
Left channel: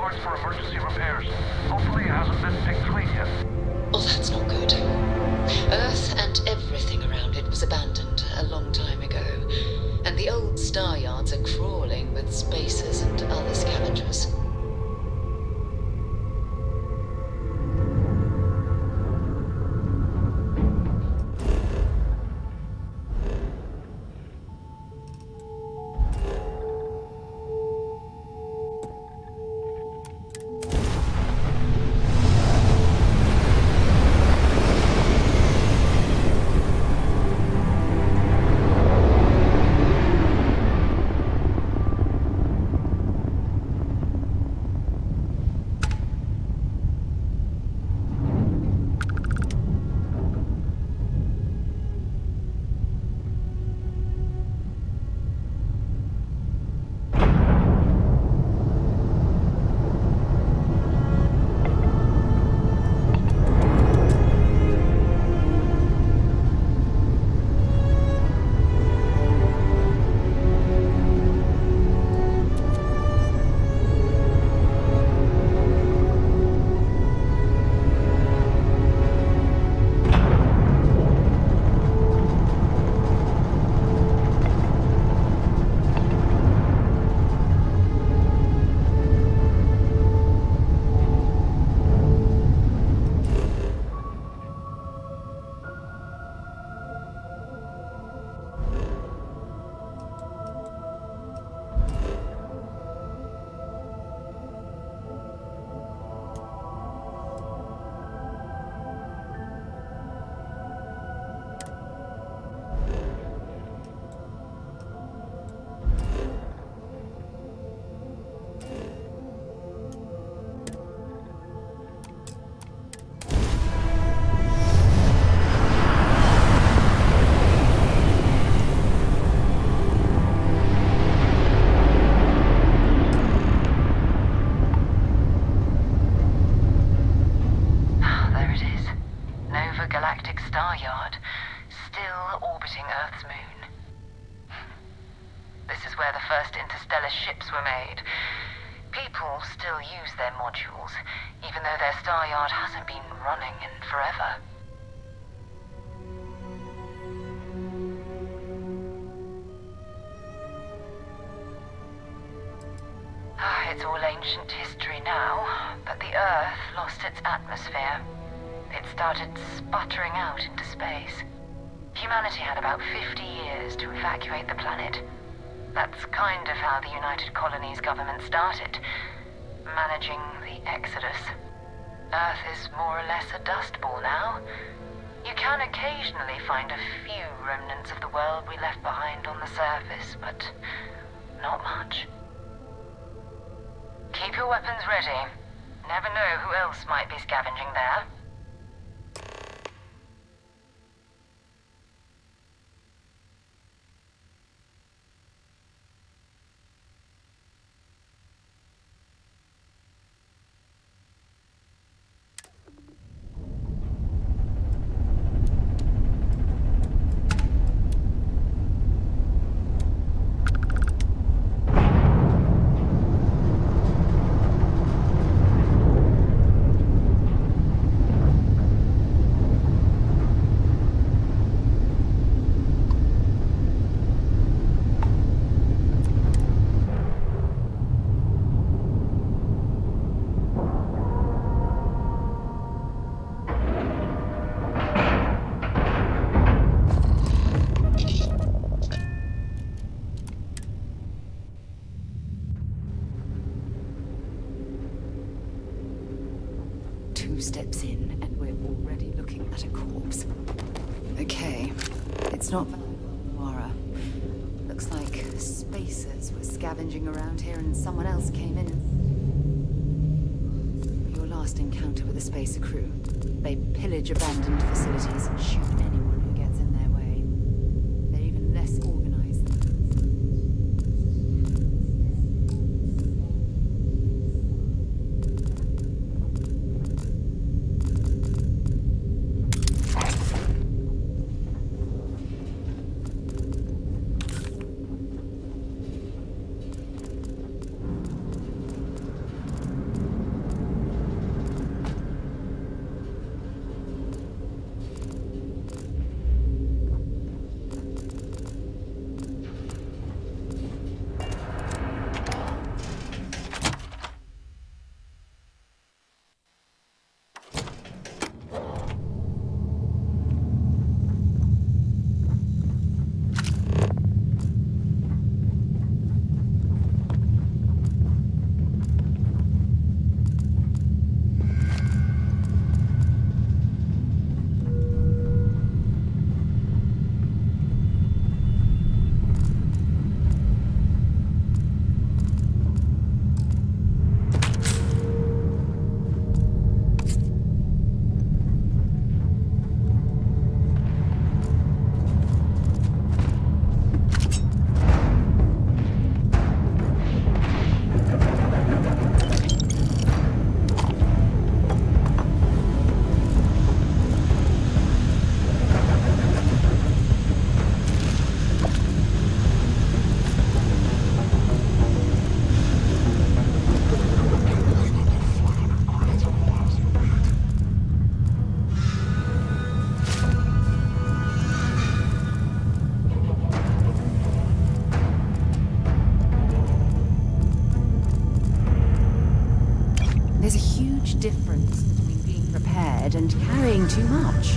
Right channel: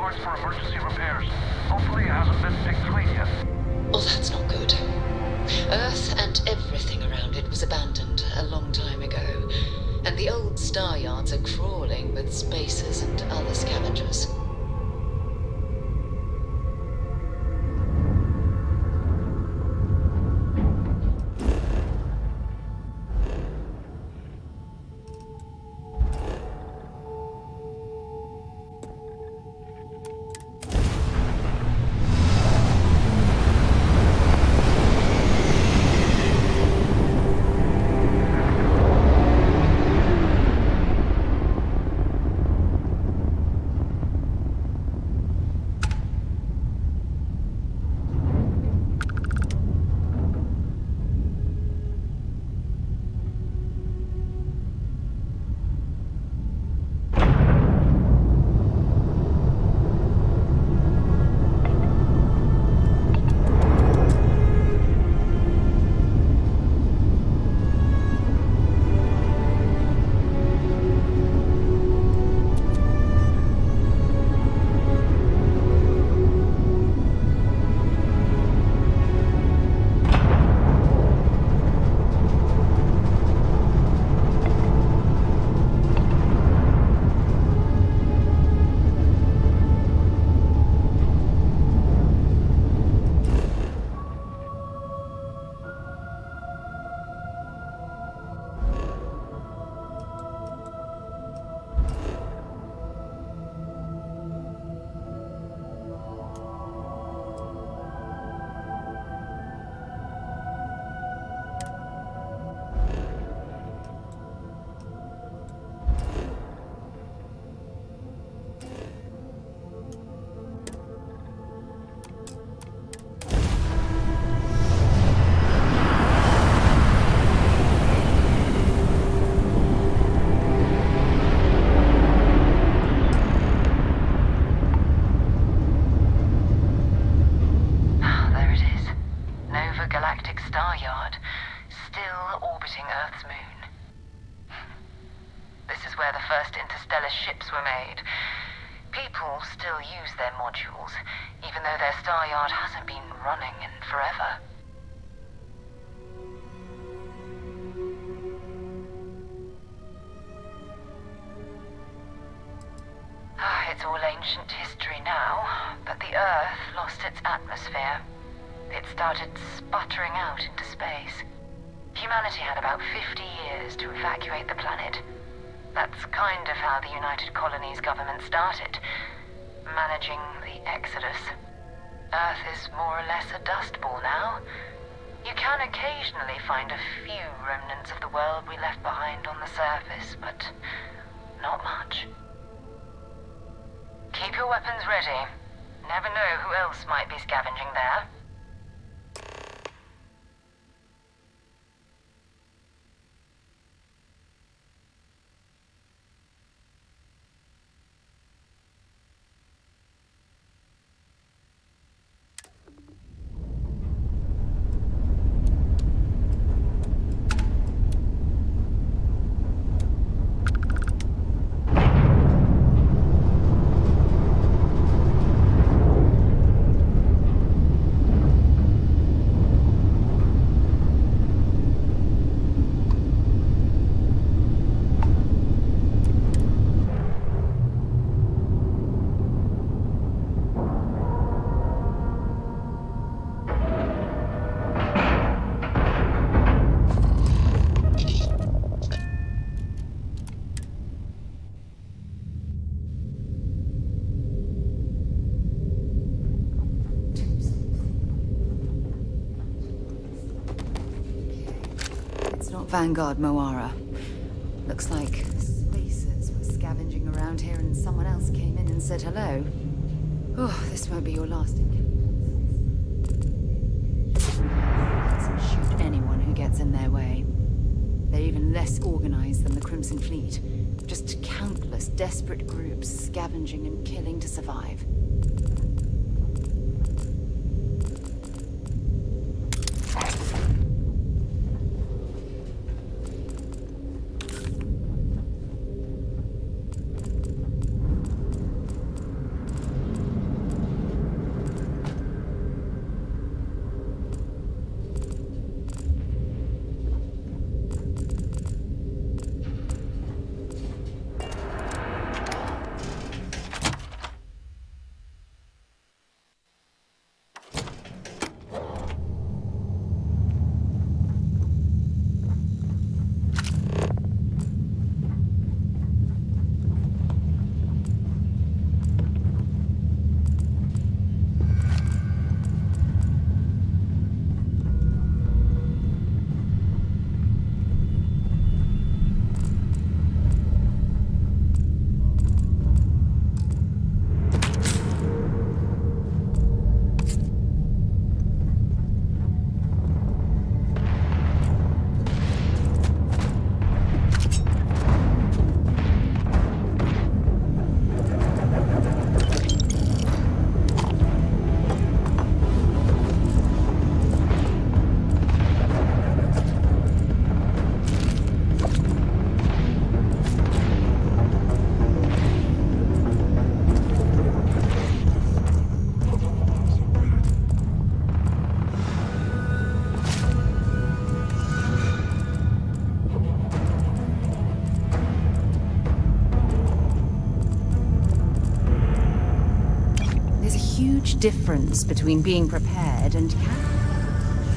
towards for emergency repairs. Hopefully it hasn't been picked away yet. Well, that's not good. Earth and everything around it was abandoned a long time ago, and the old star yards are crawling with spacers and other scavengers. It's all ancient history now, but the Earth lost its atmosphere. It started sputtering out into space. Humanity had about 50 years to evacuate the planet. That's kind of how the United Colonies government started, managing the exodus. Earth is more or less a dust ball now. You can occasionally find a few remnants of the world we left behind on the surface, but not much. Keep your weapons ready. Never know who else might be scavenging there. Not Vanguard Moara. Looks like spacers were scavenging around here and someone else came in and said hello. Oh, this won't be your last encounter with a spacer crew. They pillage abandoned facilities and shoot anyone who gets in their way. They're even less organized than the Crimson Fleet. Just countless desperate groups scavenging and killing to survive. There's a huge difference between being prepared and carrying too much.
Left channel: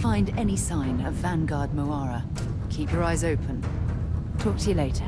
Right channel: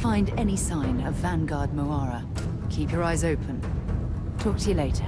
Find any sign of Vanguard Moara. Keep your eyes open. Talk to you later.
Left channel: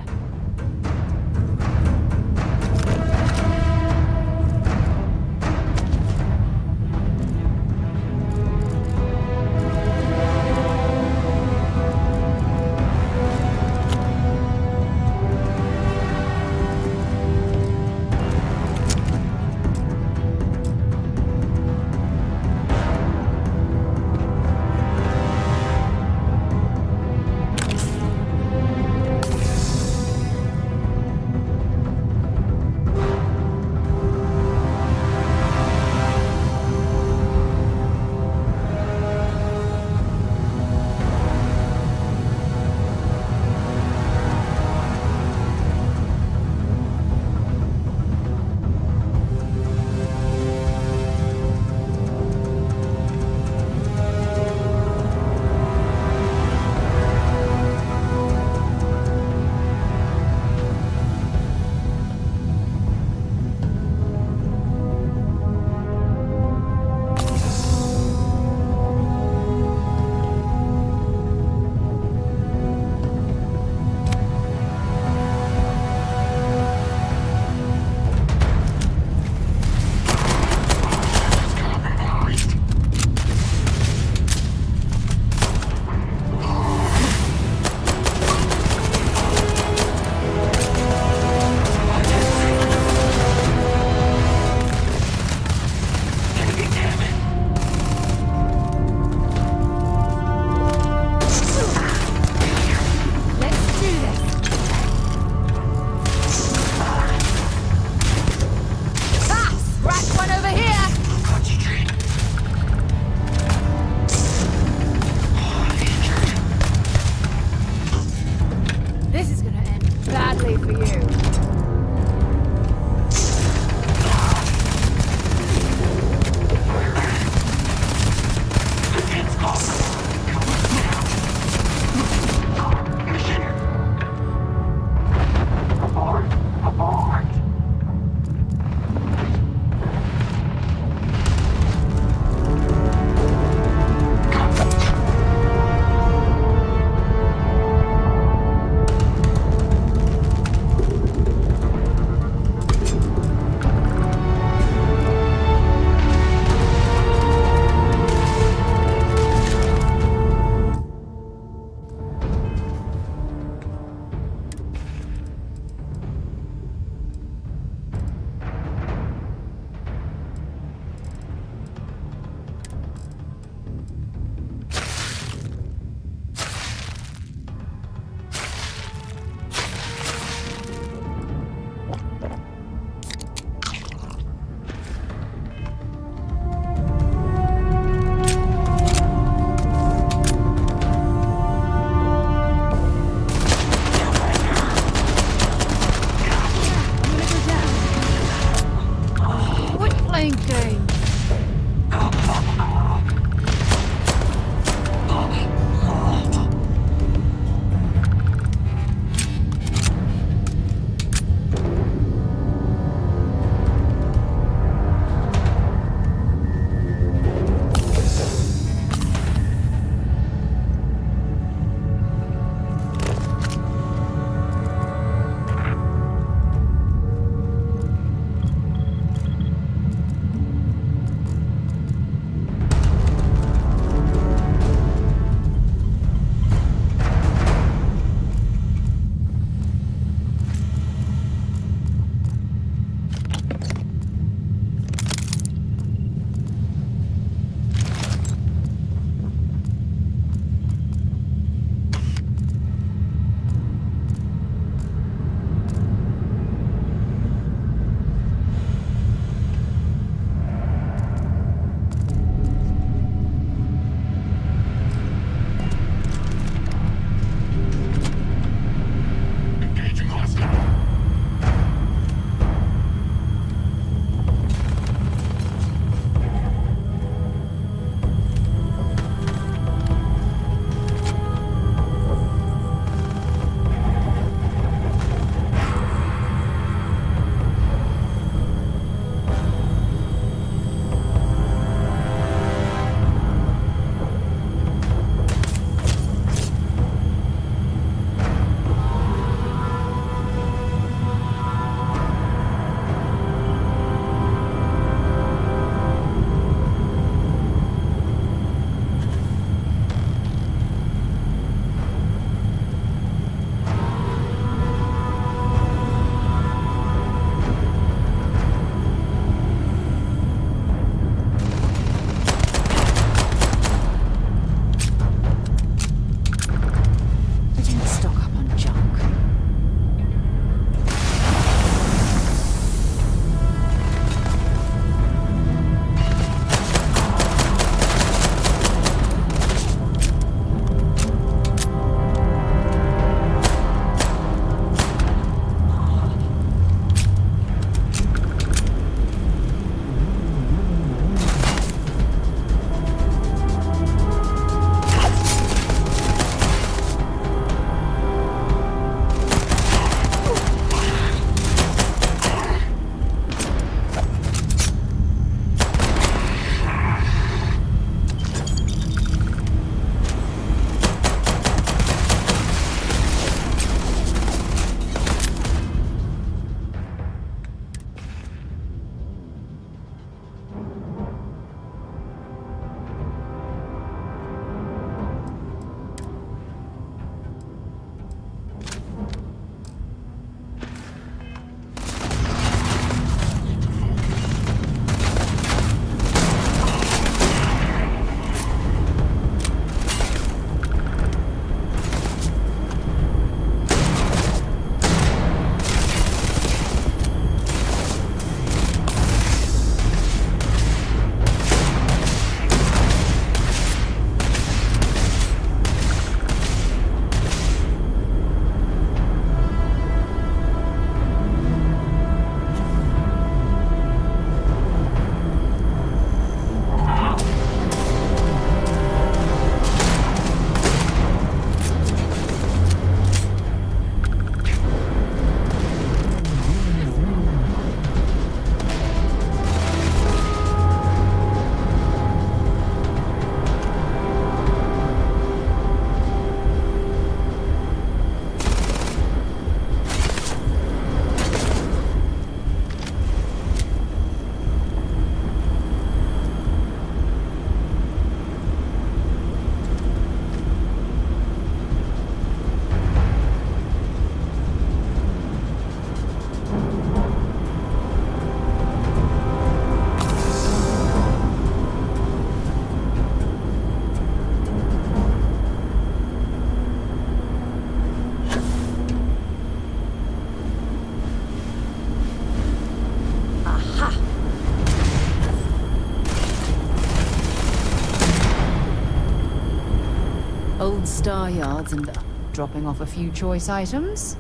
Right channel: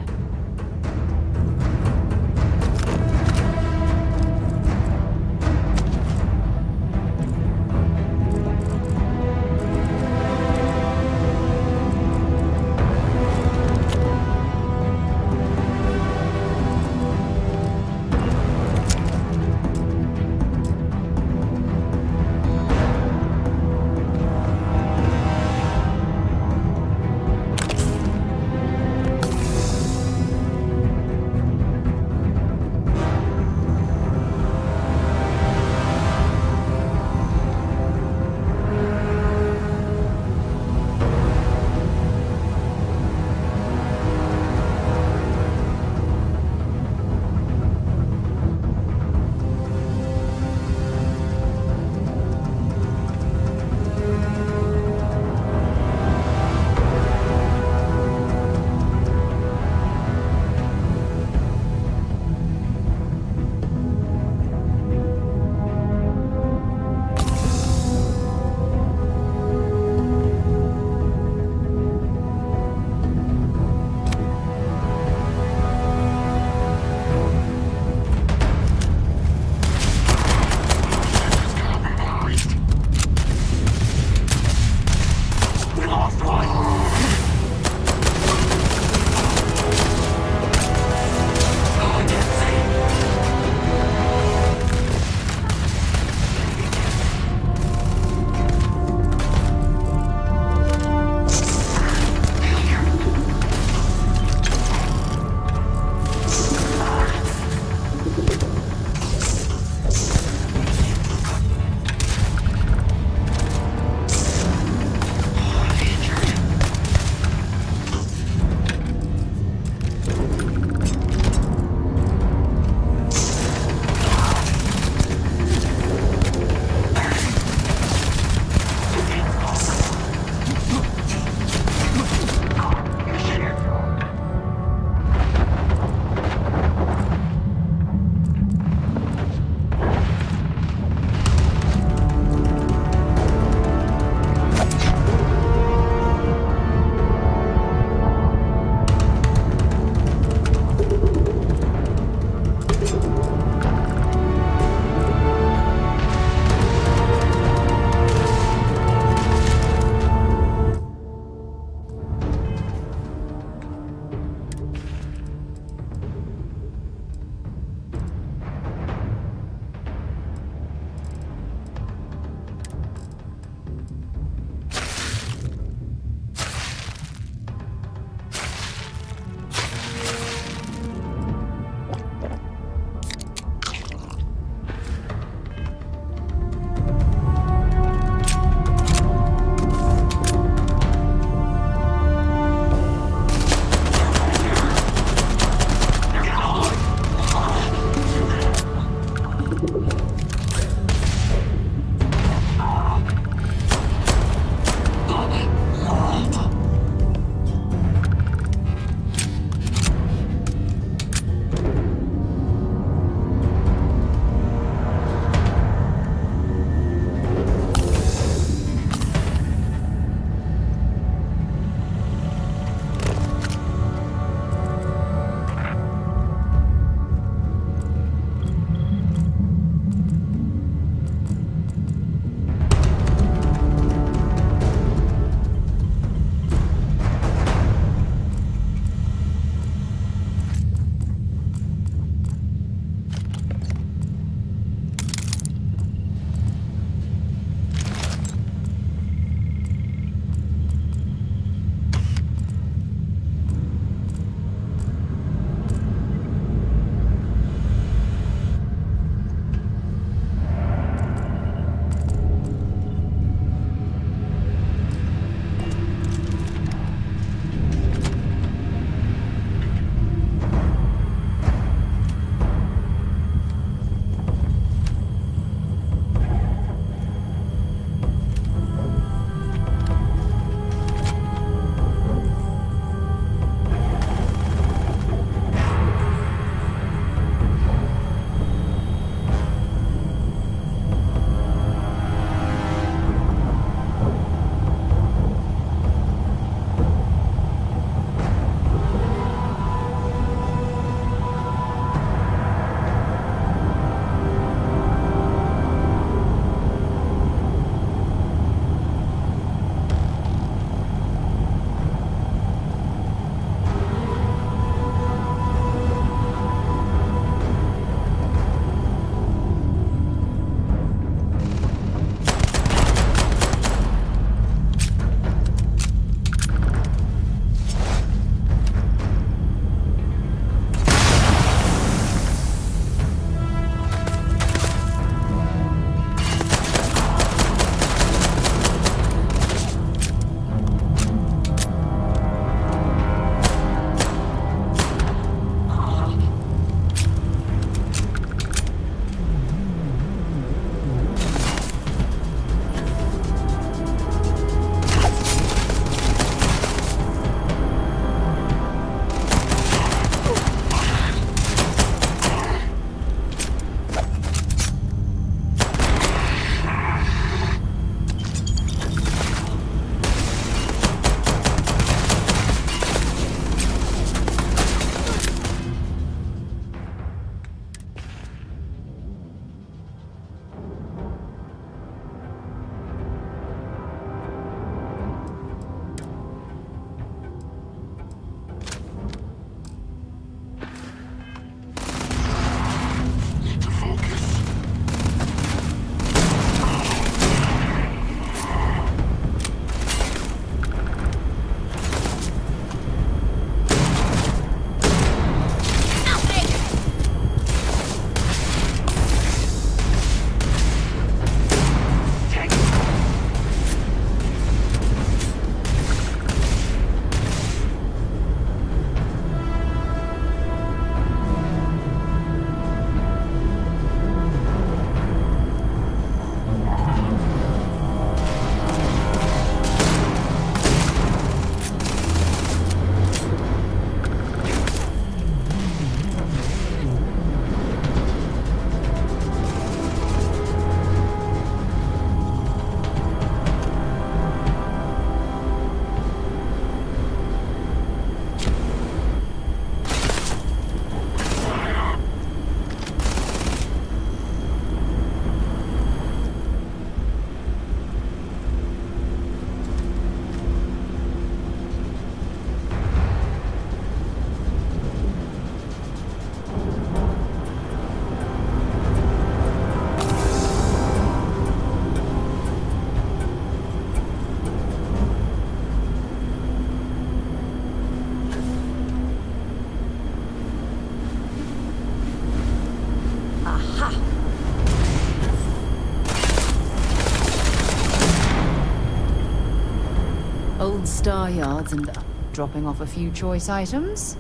Old star yards and dropping off a few choice items.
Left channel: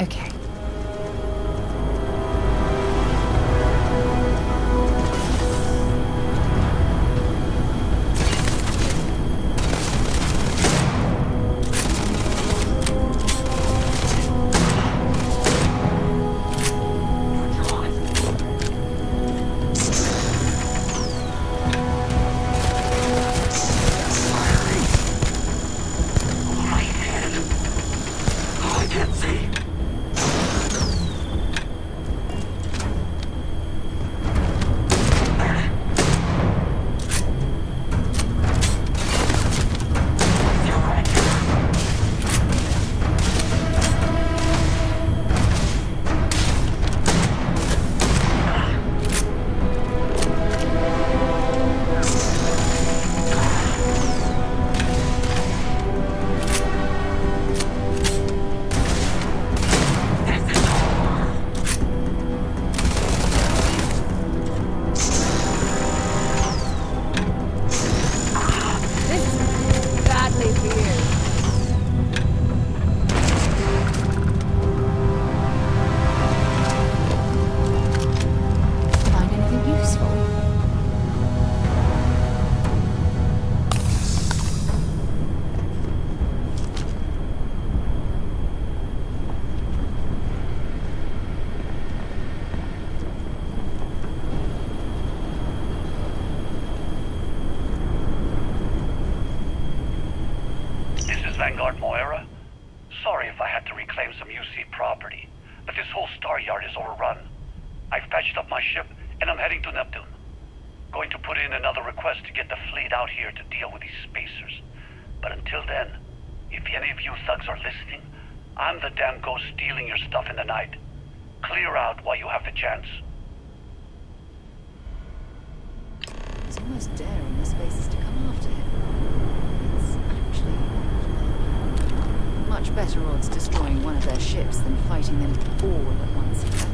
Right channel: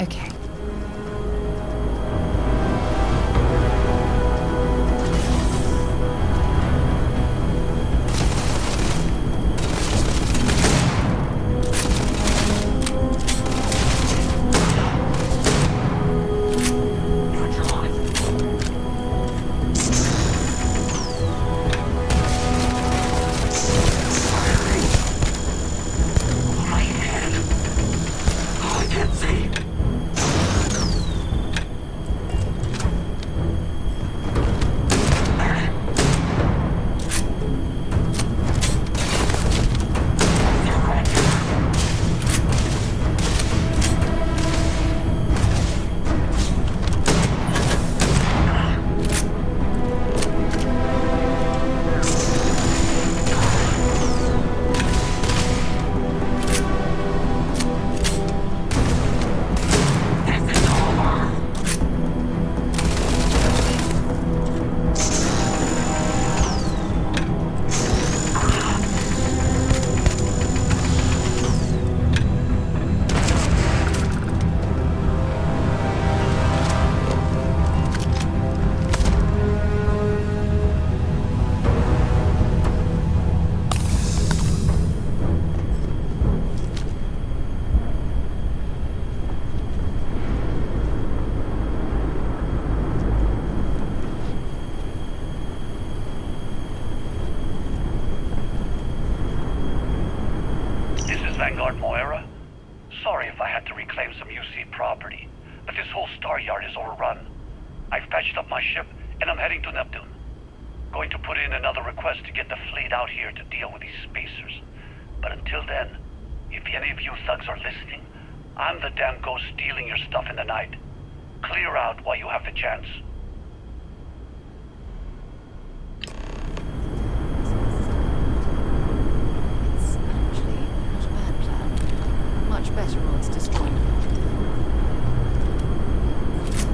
Okay. Vanguard Moira? Sorry if I had to reclaim some UC property, but this whole star yard is overrun. I've patched up my ship, and I'm heading to Neptune. Going to put in another request to get the fleet out here to deal with these spacers. But until then, if any of you thugs are listening, I'm the damn ghost stealing your stuff in the night. Clear out while you have the chance. Much better odds destroying one of their ships than fighting them all at once.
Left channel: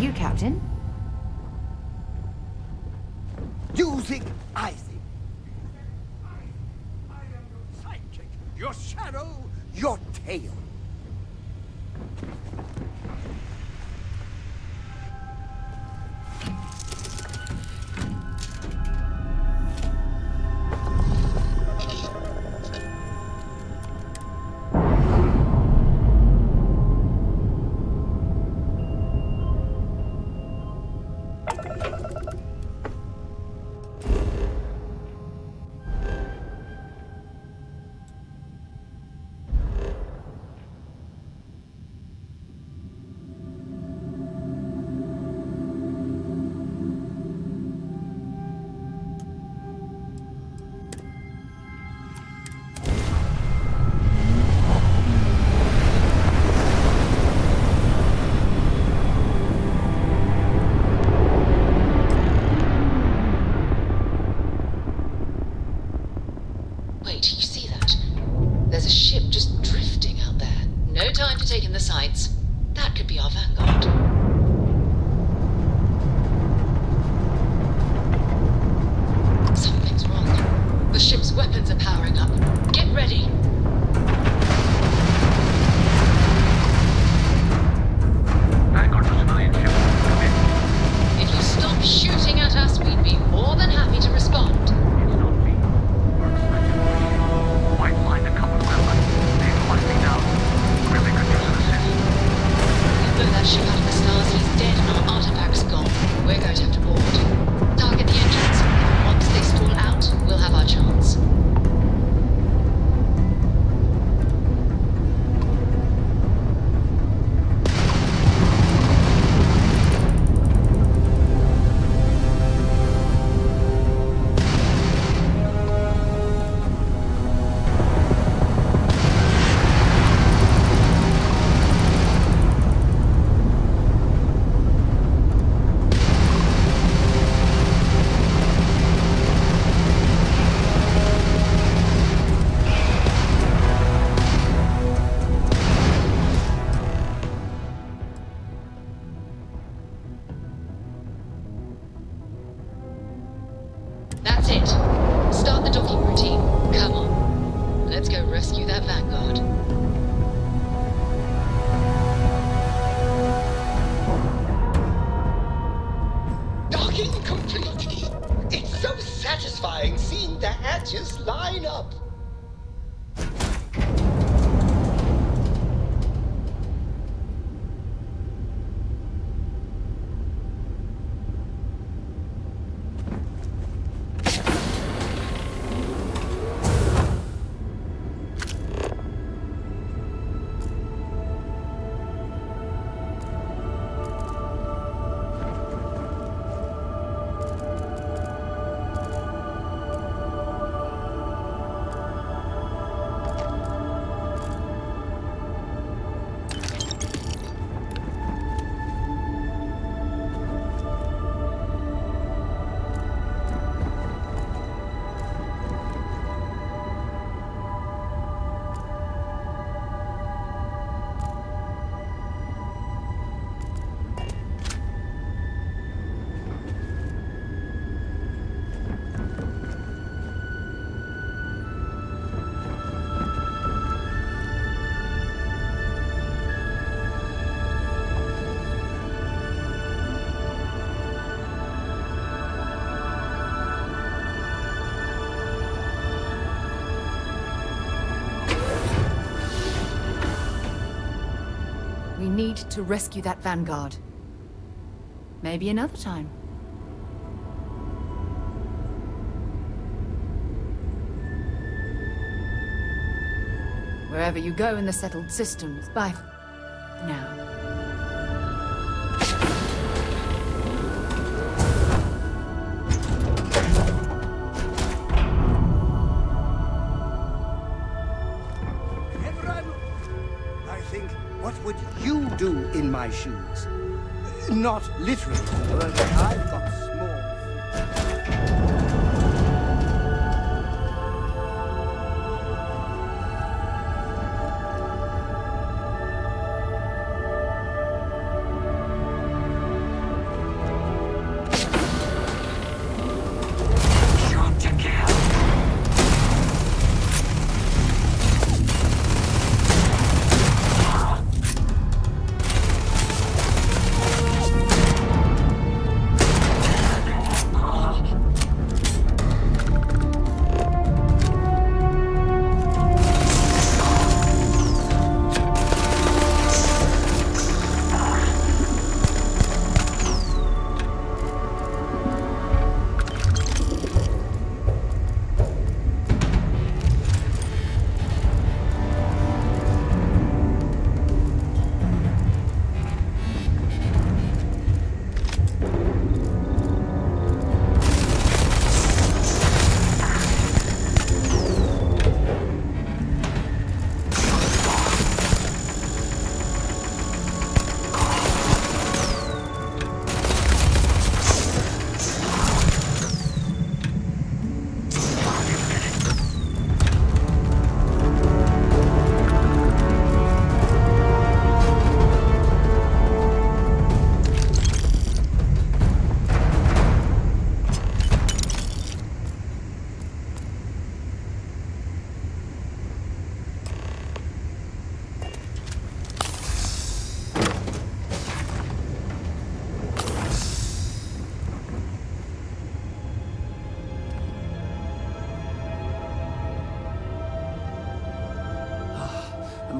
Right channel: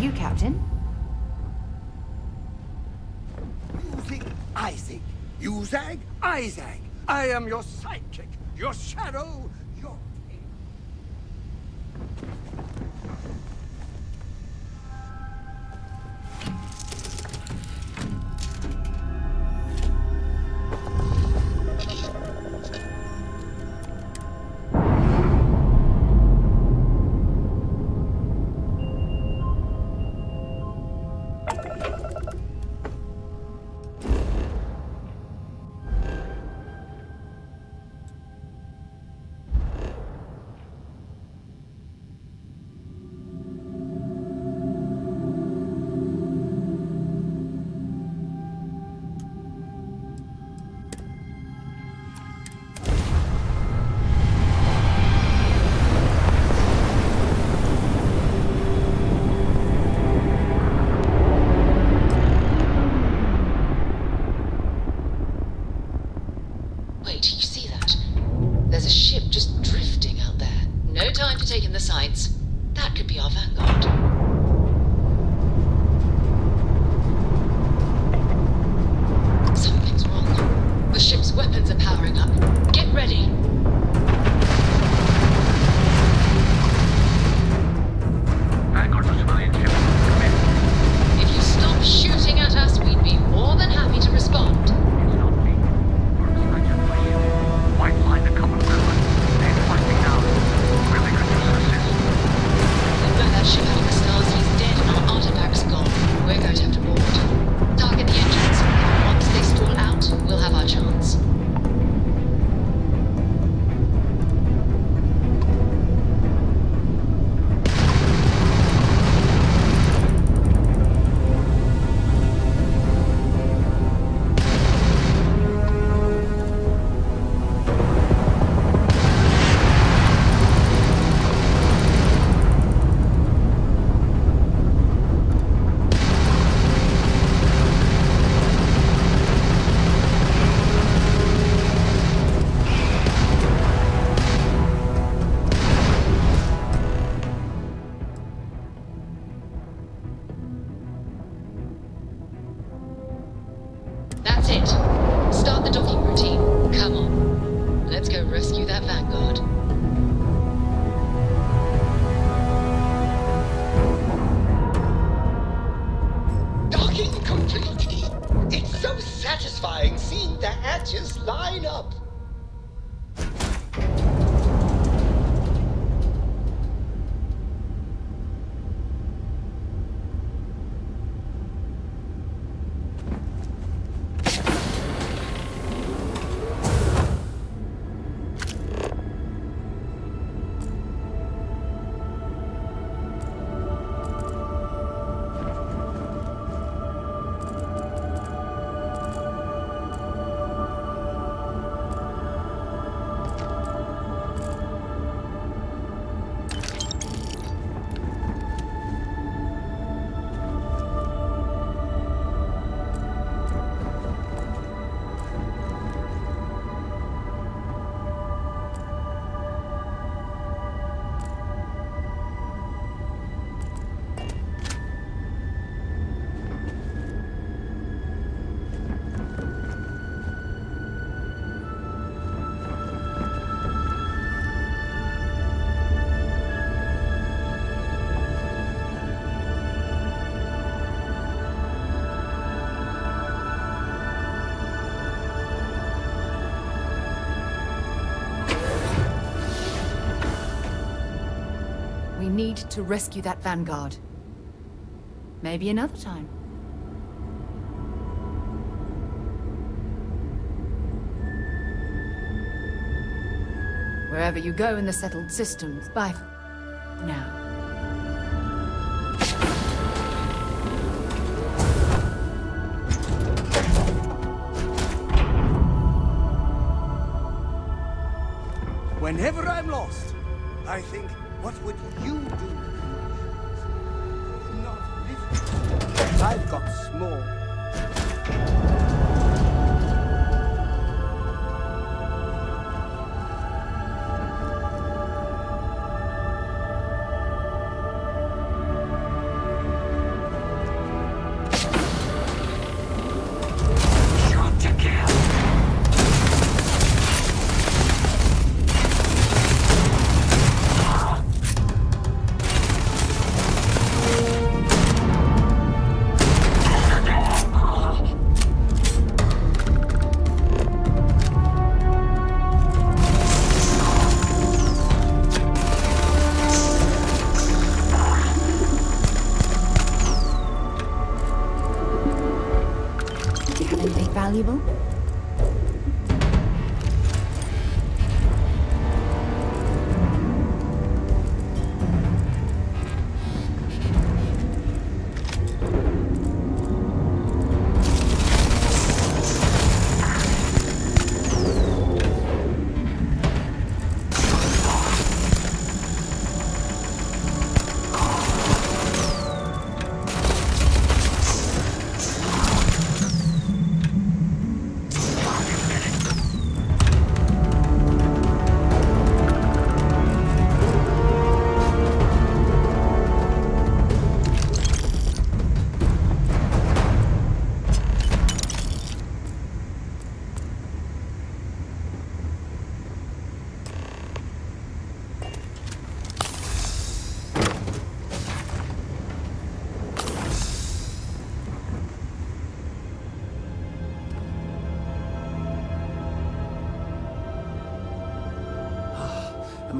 you, Captain? You zig, I zig. You zag, I zag. I am your sidekick, your shadow, your tail. Wait, you see that? There's a ship just drifting out there. No time to take in the sights. That could be our vanguard. Something's wrong. The ship's weapons are powering up. Get ready. Vanguard to civilian ship. Come in. If you stop shooting at us, we'd be more than happy to respond. It's not me. Works like a machine. White line to cover the railway. They're finding down. Really could use an assist. We blow that ship out of the stars, he's dead and our artifact's gone. We're going to have to board. Target the engines. Once they stall out, we'll have our chance. That's it. Start the docking routine. Come on. Let's go rescue that Vanguard. Docking complete. It's so satisfying seeing the hatches line up. We need to rescue that Vanguard. Maybe another time. Wherever you go in the settled systems, bye for now. Whenever I'm lost, I think, what would you do in my shoes? Not literally, but I've got small.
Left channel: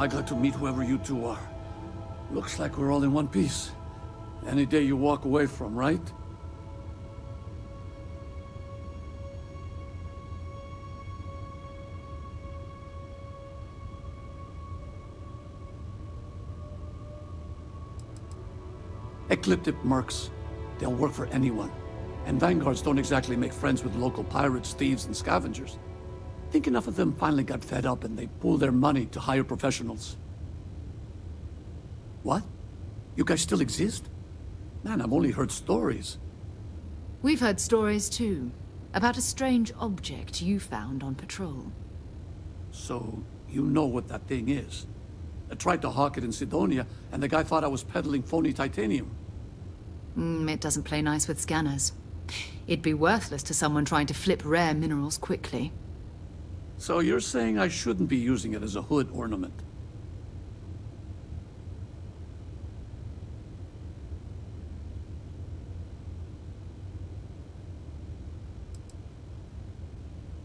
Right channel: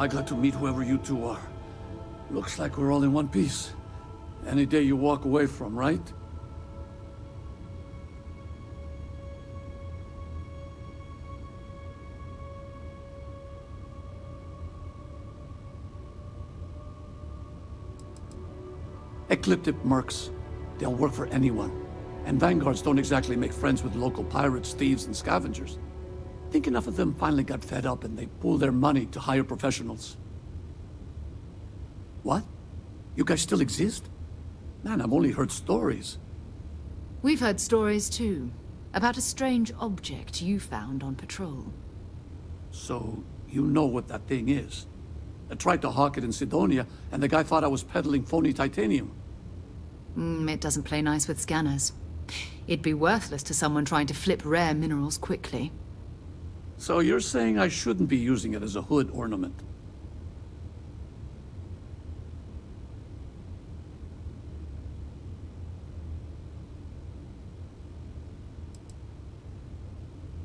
am I glad to meet whoever you two are. Looks like we're all in one piece. Any day you walk away from, right? Ecliptic mercs. They'll work for anyone. And vanguards don't exactly make friends with local pirates, thieves, and scavengers. Think enough of them finally got fed up and they pooled their money to hire professionals. What? You guys still exist? Man, I've only heard stories. We've heard stories too, about a strange object you found on patrol. So, you know what that thing is? I tried to hawk it in Sidonia, and the guy thought I was peddling phony titanium. It doesn't play nice with scanners. It'd be worthless to someone trying to flip rare minerals quickly. So you're saying I shouldn't be using it as a hood ornament?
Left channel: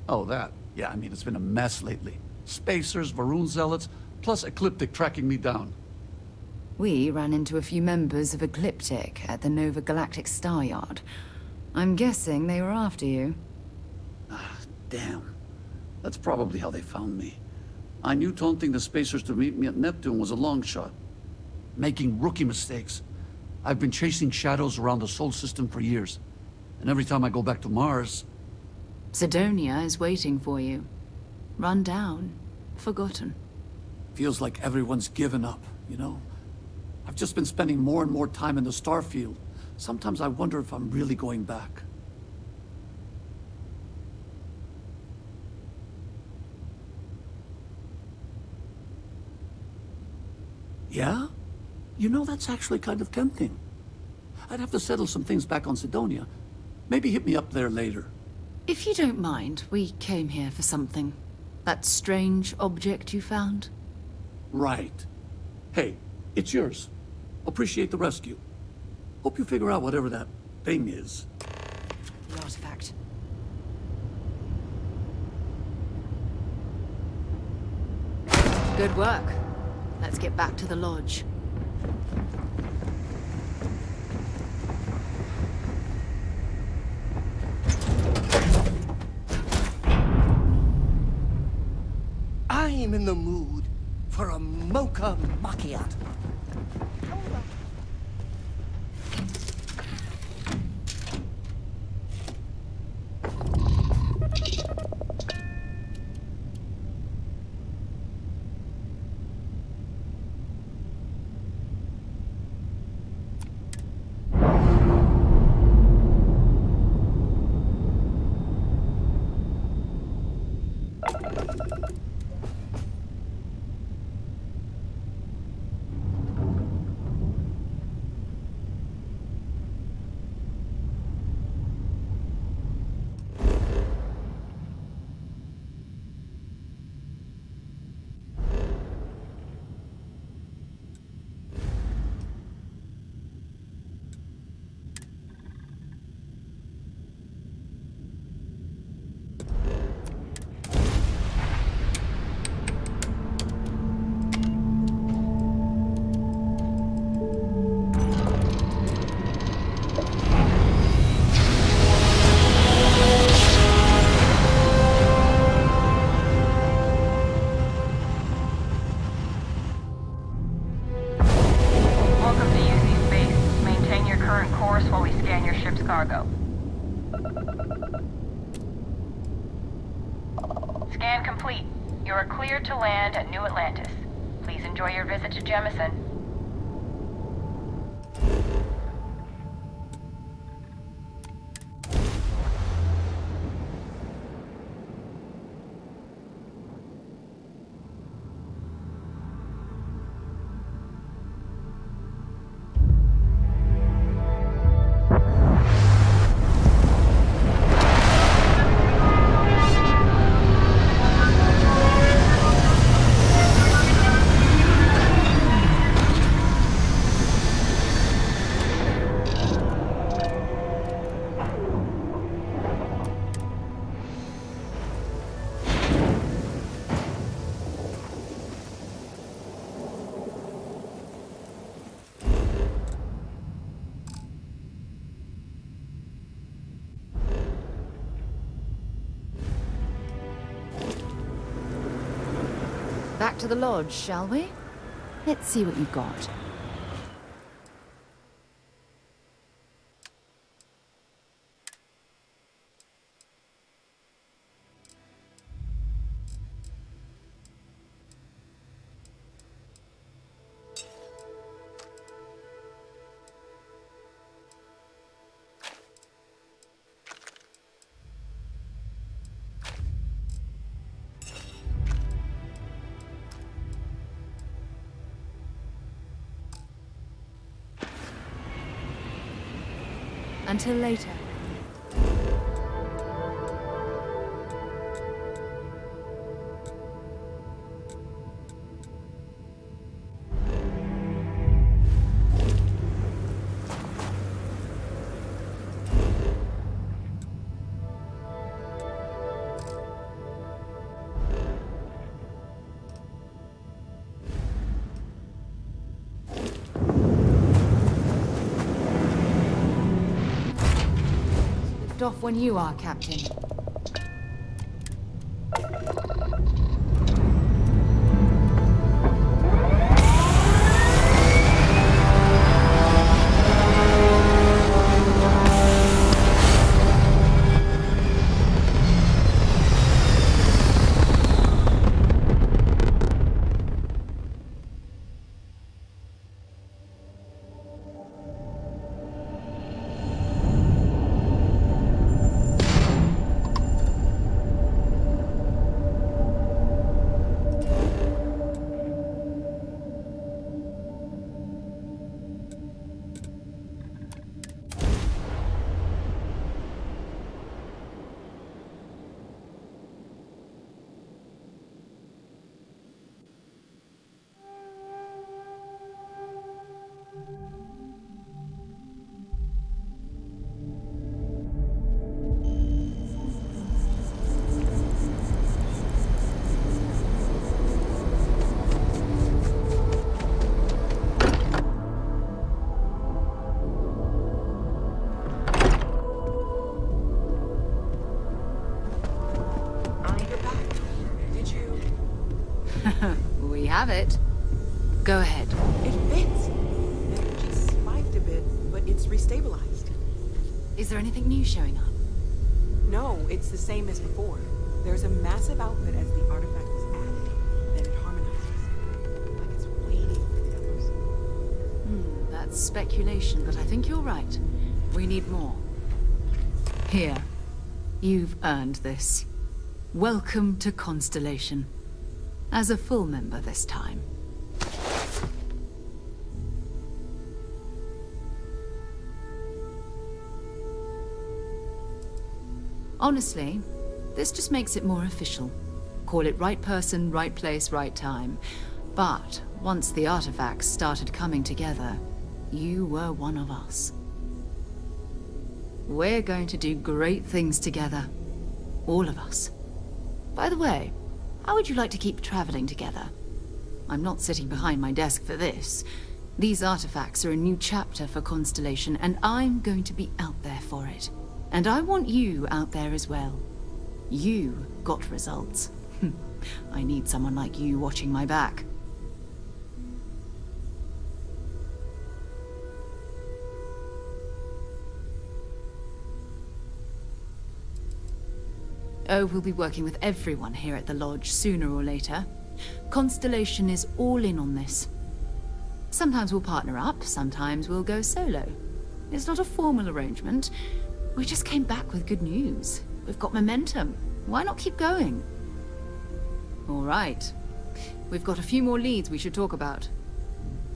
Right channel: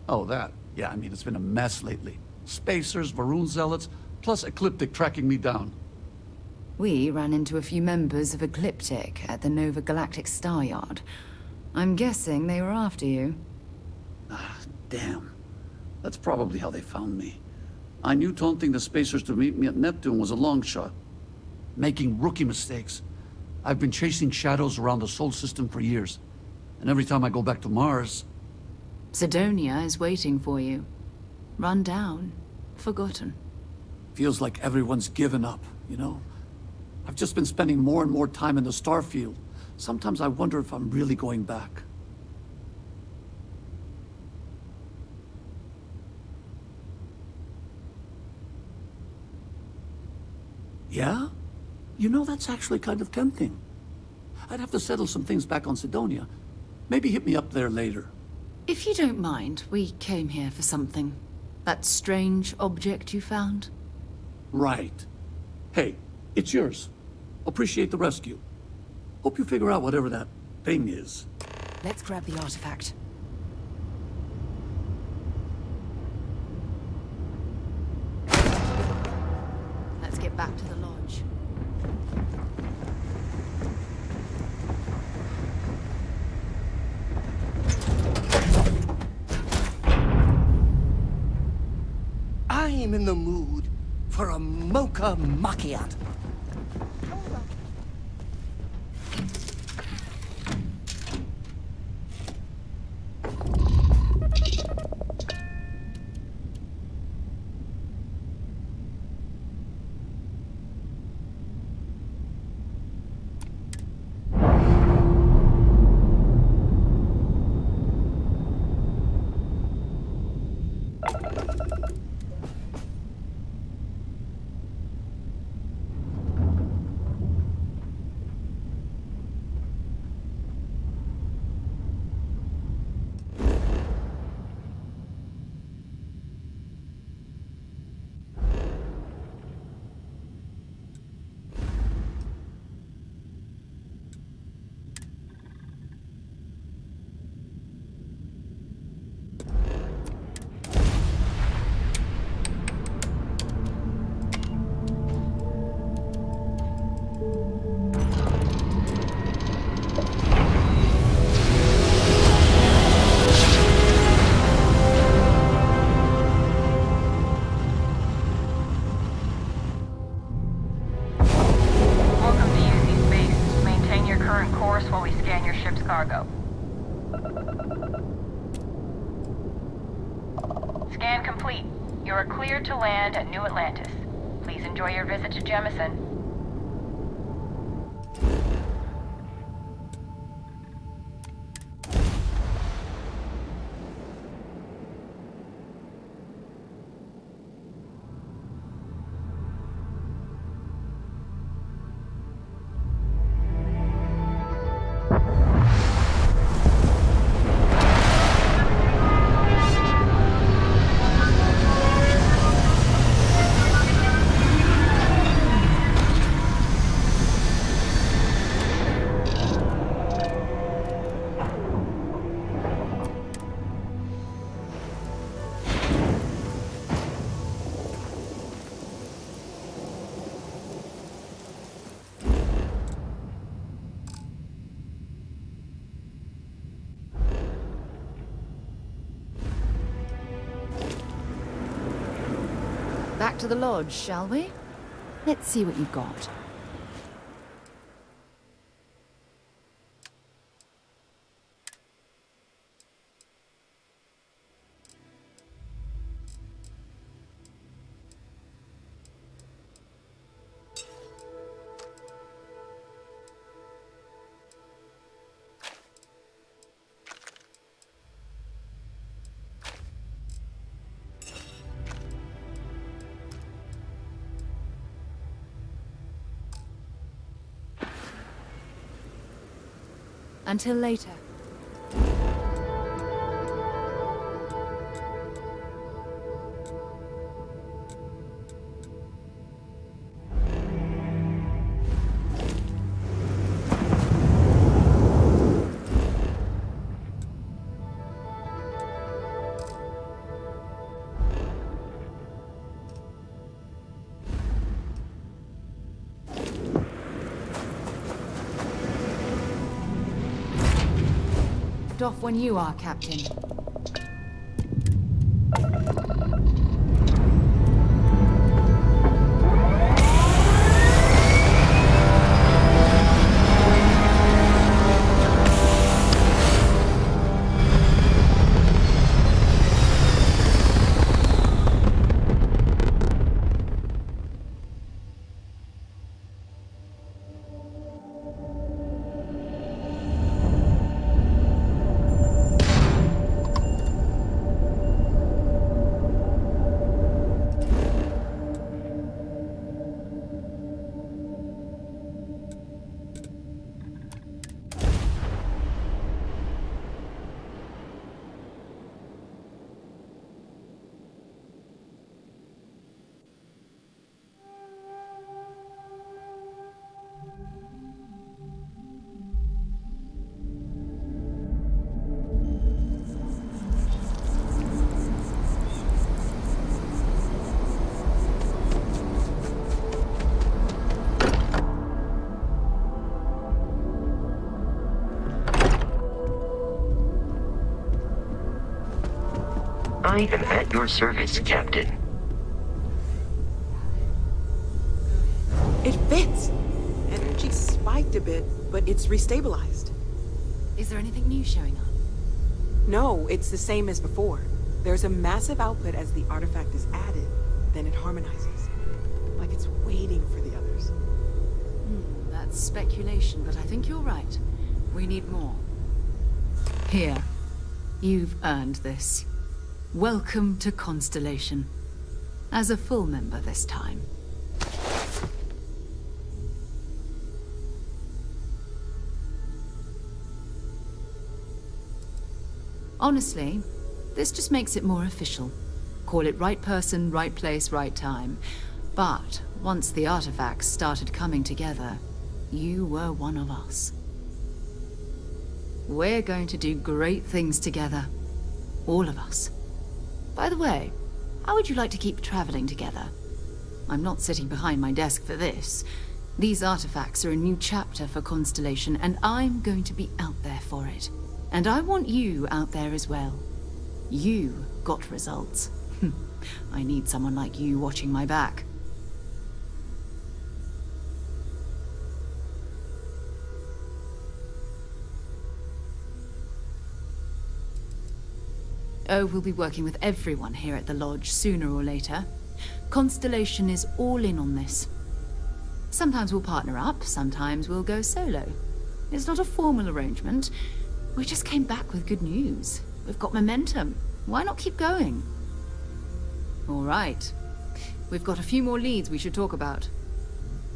Oh, that. Yeah, I mean, it's been a mess lately. Spacers, Varun zealots, plus Ecliptic tracking me down. We ran into a few members of Ecliptic at the Nova Galactic Star Yard. I'm guessing they were after you. Ah, damn. That's probably how they found me. I knew taunting the Spacers to meet me at Neptune was a long shot. Making rookie mistakes. I've been chasing shadows around the Sol system for years. And every time I go back to Mars... Sidonia is waiting for you. Run down. Forgotten. Feels like everyone's given up, you know? I've just been spending more and more time in the Starfield. Sometimes I wonder if I'm really going back. Yeah? You know, that's actually kind of tempting. I'd have to settle some things back on Sidonia. Maybe hit me up there later. If you don't mind, we came here for something. That strange object you found? Right. Hey, it's yours. Appreciate the rescue. Hope you figure out whatever that thing is. Let's grab the artifact. Good work. Let's get back to the lodge. I'm in the mood for a mocha macchiato. Cargo. Scan complete. You are cleared to land at New Atlantis. Please enjoy your visit to Jemison. to the lodge, shall we? Let's see what you've got. Until later. Off when you are, Captain. I am at your service, Captain. We have it. Go ahead. It fits. Energy spiked a bit, but it's restabilized. Is there anything new showing up? No, it's the same as before. There's a massive output as the artifact is added, then it harmonizes. Like it's waiting for the others. That's speculation, but I think you're right. We need more. Here. You've earned this. Welcome to Constellation. As a full member this time. Honestly, this just makes it more official. Call it right person, right place, right time. But once the artifacts started coming together, you were one of us. We're going to do great things together. All of us. By the way, how would you like to keep traveling together? I'm not sitting behind my desk for this. These artifacts are a new chapter for Constellation, and I'm going to be out there for it. And I want you out there as well. You got results. I need someone like you watching my back. Oh, we'll be working with everyone here at the Lodge sooner or later. Constellation is all in on this. Sometimes we'll partner up, sometimes we'll go solo. It's not a formal arrangement. We just came back with good news. We've got momentum. Why not keep going? All right. We've got a few more leads we should talk about.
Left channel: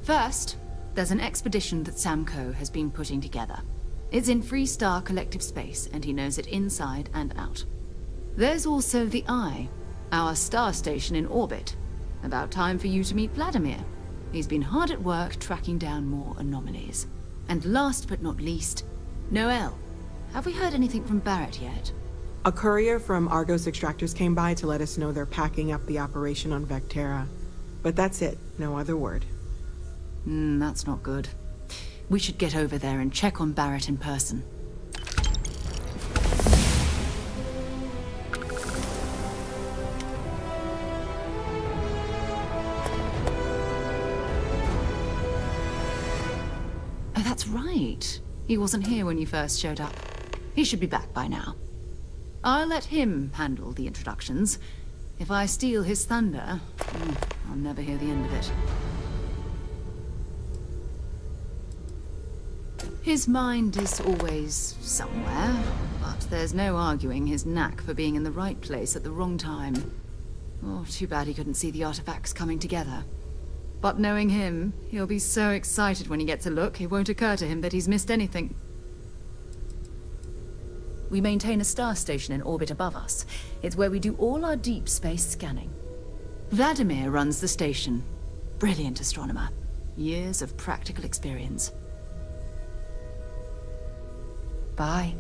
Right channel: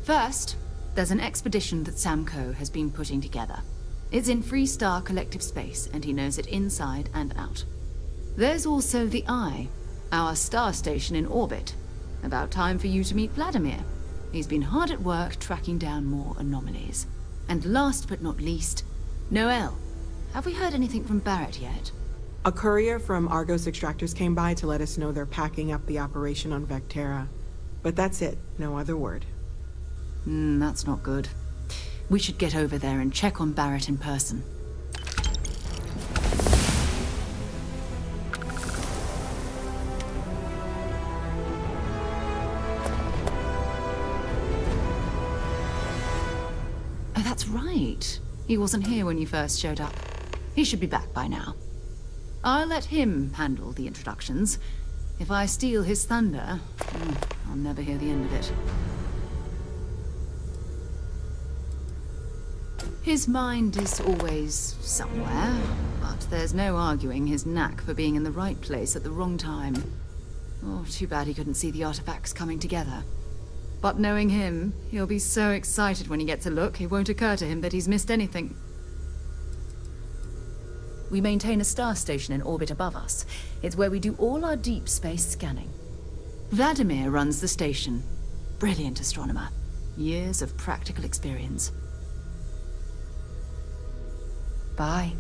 First, there's an expedition that Samco has been putting together. It's in Freestar Collective Space, and he knows it inside and out. There's also the Eye, our star station in orbit. About time for you to meet Vladimir. He's been hard at work tracking down more anomalies. And last but not least, Noel. Have we heard anything from Barrett yet? A courier from Argos Extractors came by to let us know they're packing up the operation on Vectera. But that's it, no other word. That's not good. We should get over there and check on Barrett in person. right. He wasn't here when you first showed up. He should be back by now. I'll let him handle the introductions. If I steal his thunder, I'll never hear the end of it. His mind is always somewhere, but there's no arguing his knack for being in the right place at the wrong time. Oh, too bad he couldn't see the artifacts coming together. But knowing him, he'll be so excited when he gets a look, it won't occur to him that he's missed anything. We maintain a star station in orbit above us. It's where we do all our deep space scanning. Vladimir runs the station. Brilliant astronomer. Years of practical experience. Bye.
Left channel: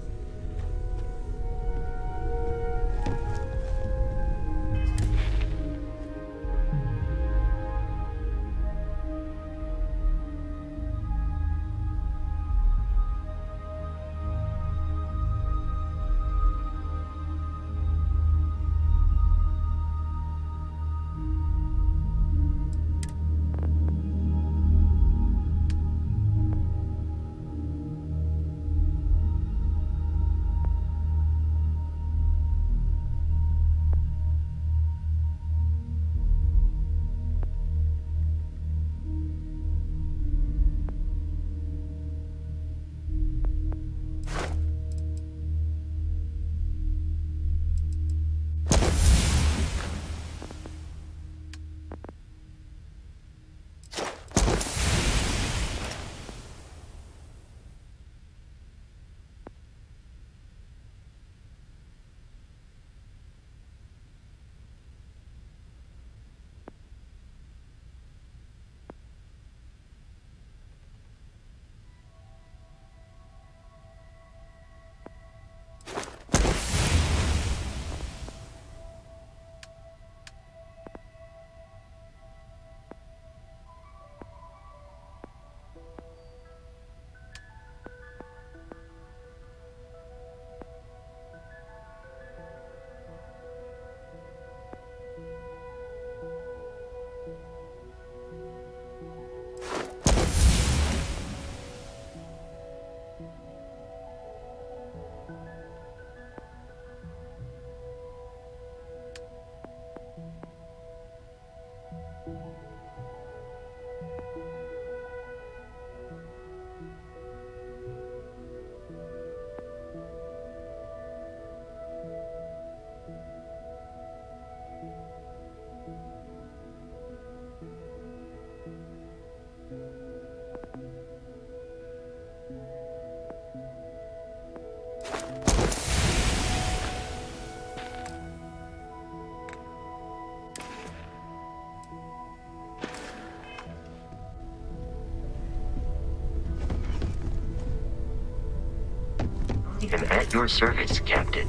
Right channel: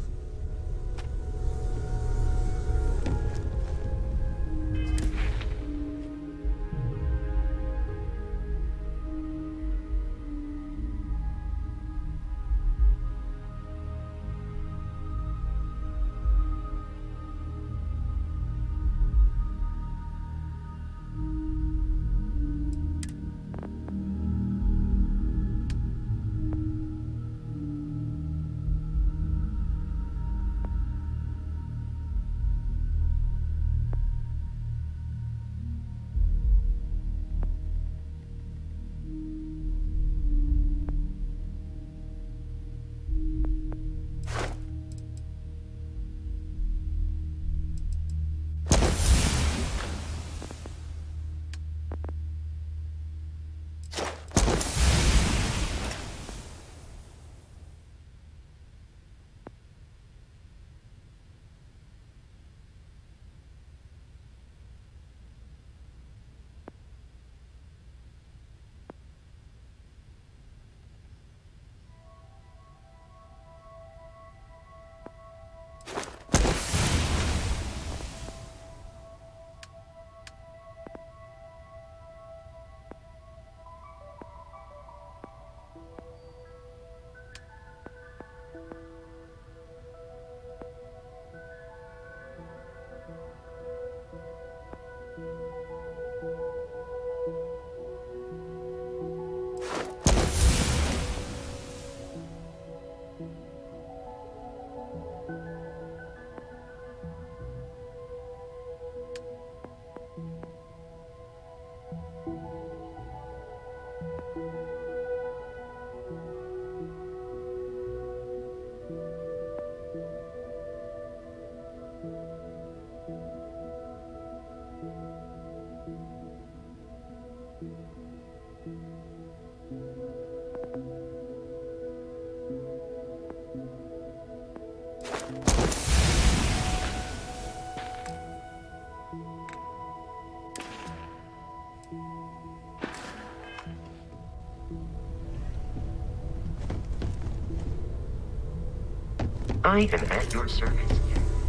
I am at your service, Captain.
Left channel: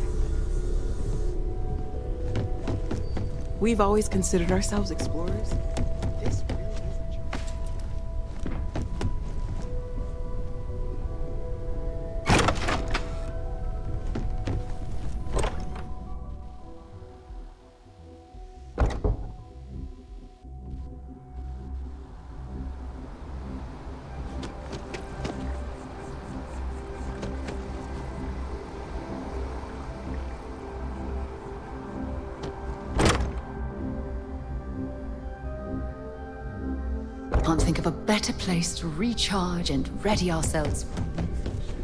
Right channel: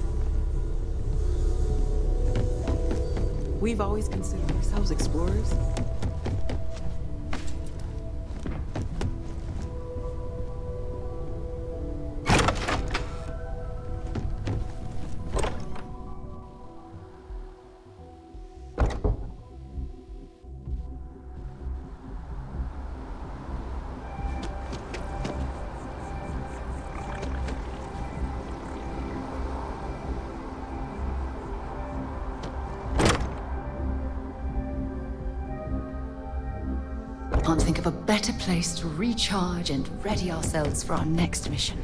We've always considered ourselves explorers. Can't think of a better place to recharge and ready ourselves for our next mission.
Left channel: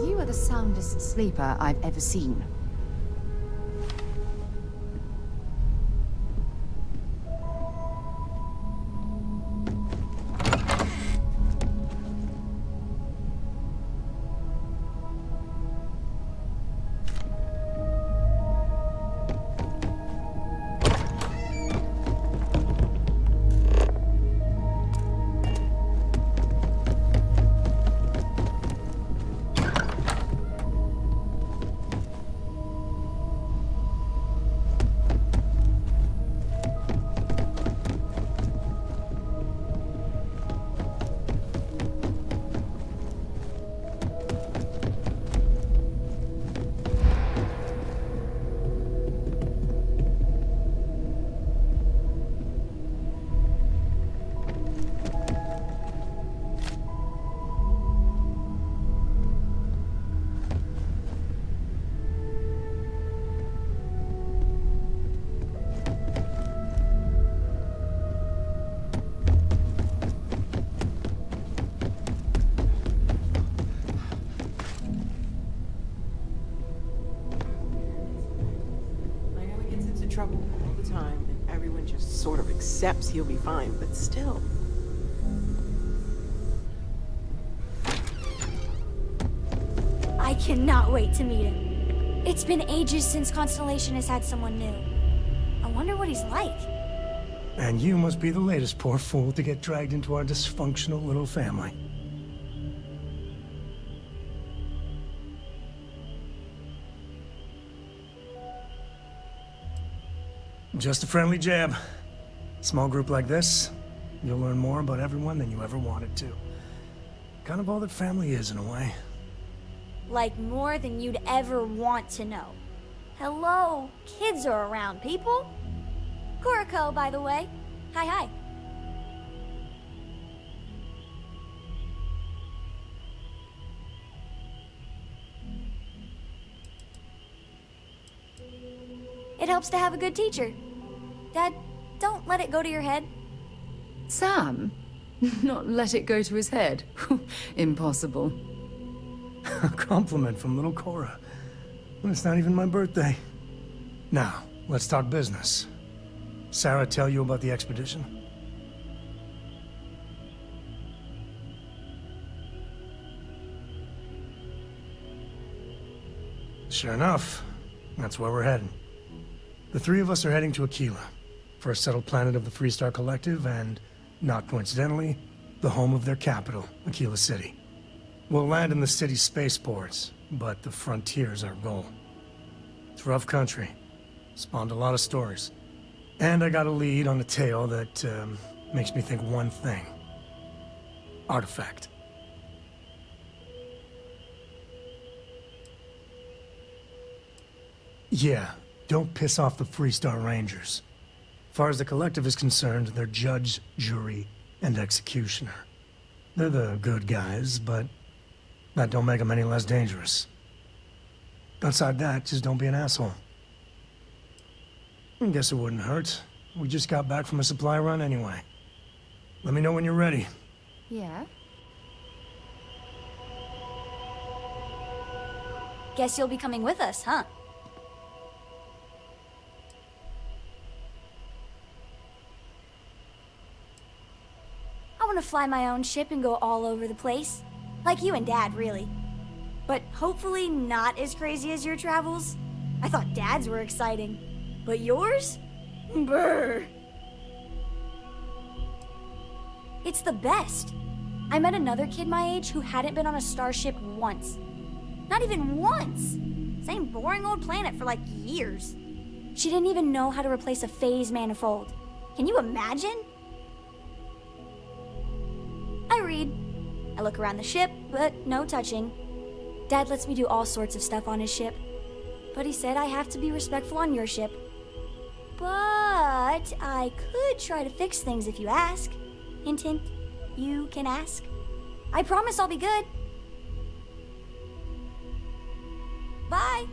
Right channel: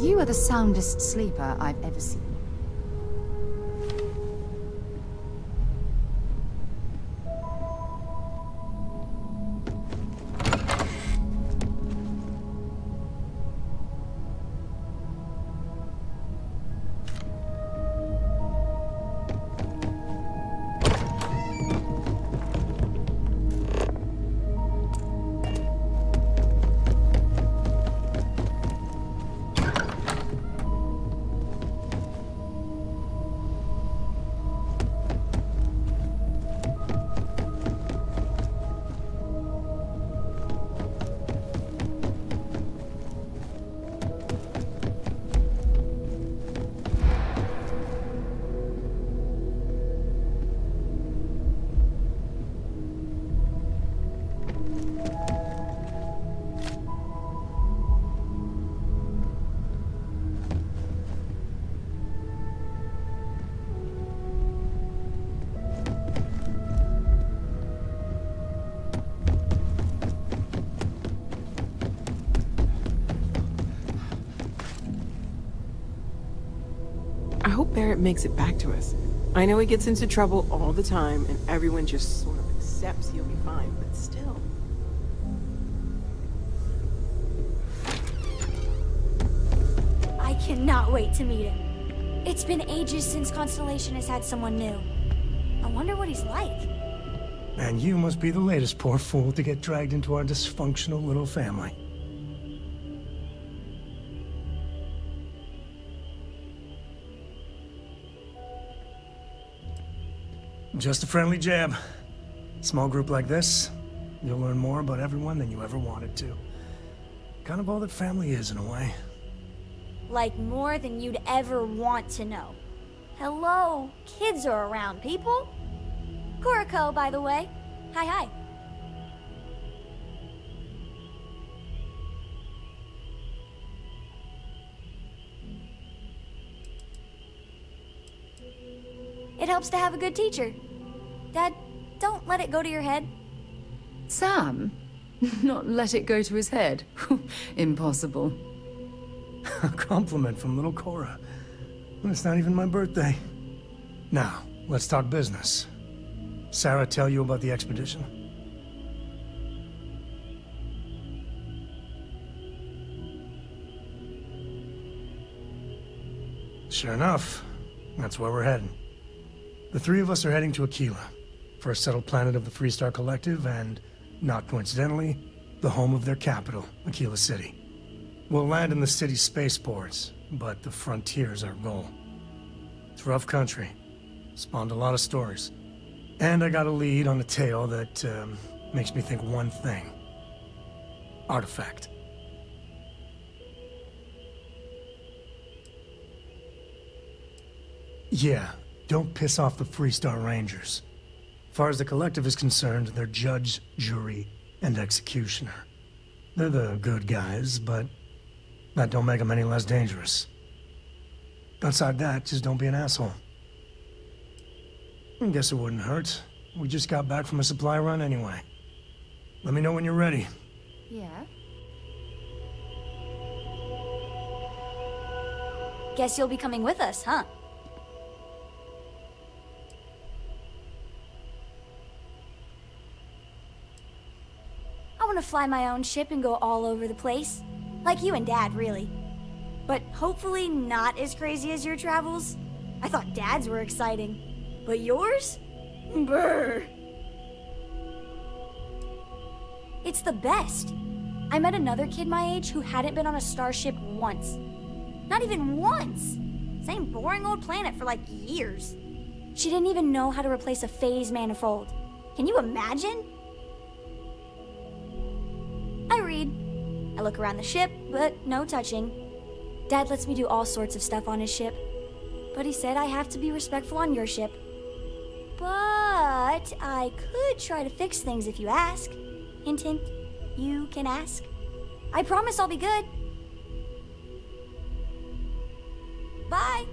You are the soundest sleeper I've ever seen. Barrett makes it back to us. I know he gets into trouble all the time, and everyone just sort of accepts he'll be fine, but still. I cannot wait to meet him. It's been ages since Constellation has had someone new. I wonder what he's like. And you must be the latest poor fool to get dragged into our dysfunctional little family. Just a friendly jab. Small group like this, you'll learn more about everyone than you ever wanted to. Kind of all that family is, in a way. Like more than you'd ever want to know. Hello, kids are around, people. Kuriko, by the way. Hi, hi. It helps to have a good teacher. Dad, don't let it go to your head. Sam? Not let it go to his head? Impossible. A compliment from little Cora. It's not even my birthday. Now, let's talk business. Sarah tell you about the expedition? Sure enough, that's where we're heading. The three of us are heading to Aquila, first settled planet of the Freestar Collective and, not coincidentally, the home of their capital, Aquila City. We'll land in the city's spaceports, but the frontier's our goal. It's rough country. Spawned a lot of stories. And I got a lead on a tale that makes me think one thing. Artifact. Yeah, don't piss off the Freestar Rangers. As far as the Collective is concerned, they're judge, jury, and executioner. They're the good guys, but that don't make them any less dangerous. Outside that, just don't be an asshole. I guess it wouldn't hurt. We just got back from a supply run anyway. Let me know when you're ready. Yeah? Guess you'll be coming with us, huh? I want to fly my own ship and go all over the place. Like you and Dad, really. But hopefully not as crazy as your travels. I thought Dad's were exciting. But yours? Brr. It's the best. I met another kid my age who hadn't been on a starship once. Not even once! Same boring old planet for like years. She didn't even know how to replace a phase manifold. Can you imagine? I read. I look around the ship, but no touching. Dad lets me do all sorts of stuff on his ship. But he said I have to be respectful on your ship. But I could try to fix things if you ask. Hint, hint. You can ask. I promise I'll be good. Bye.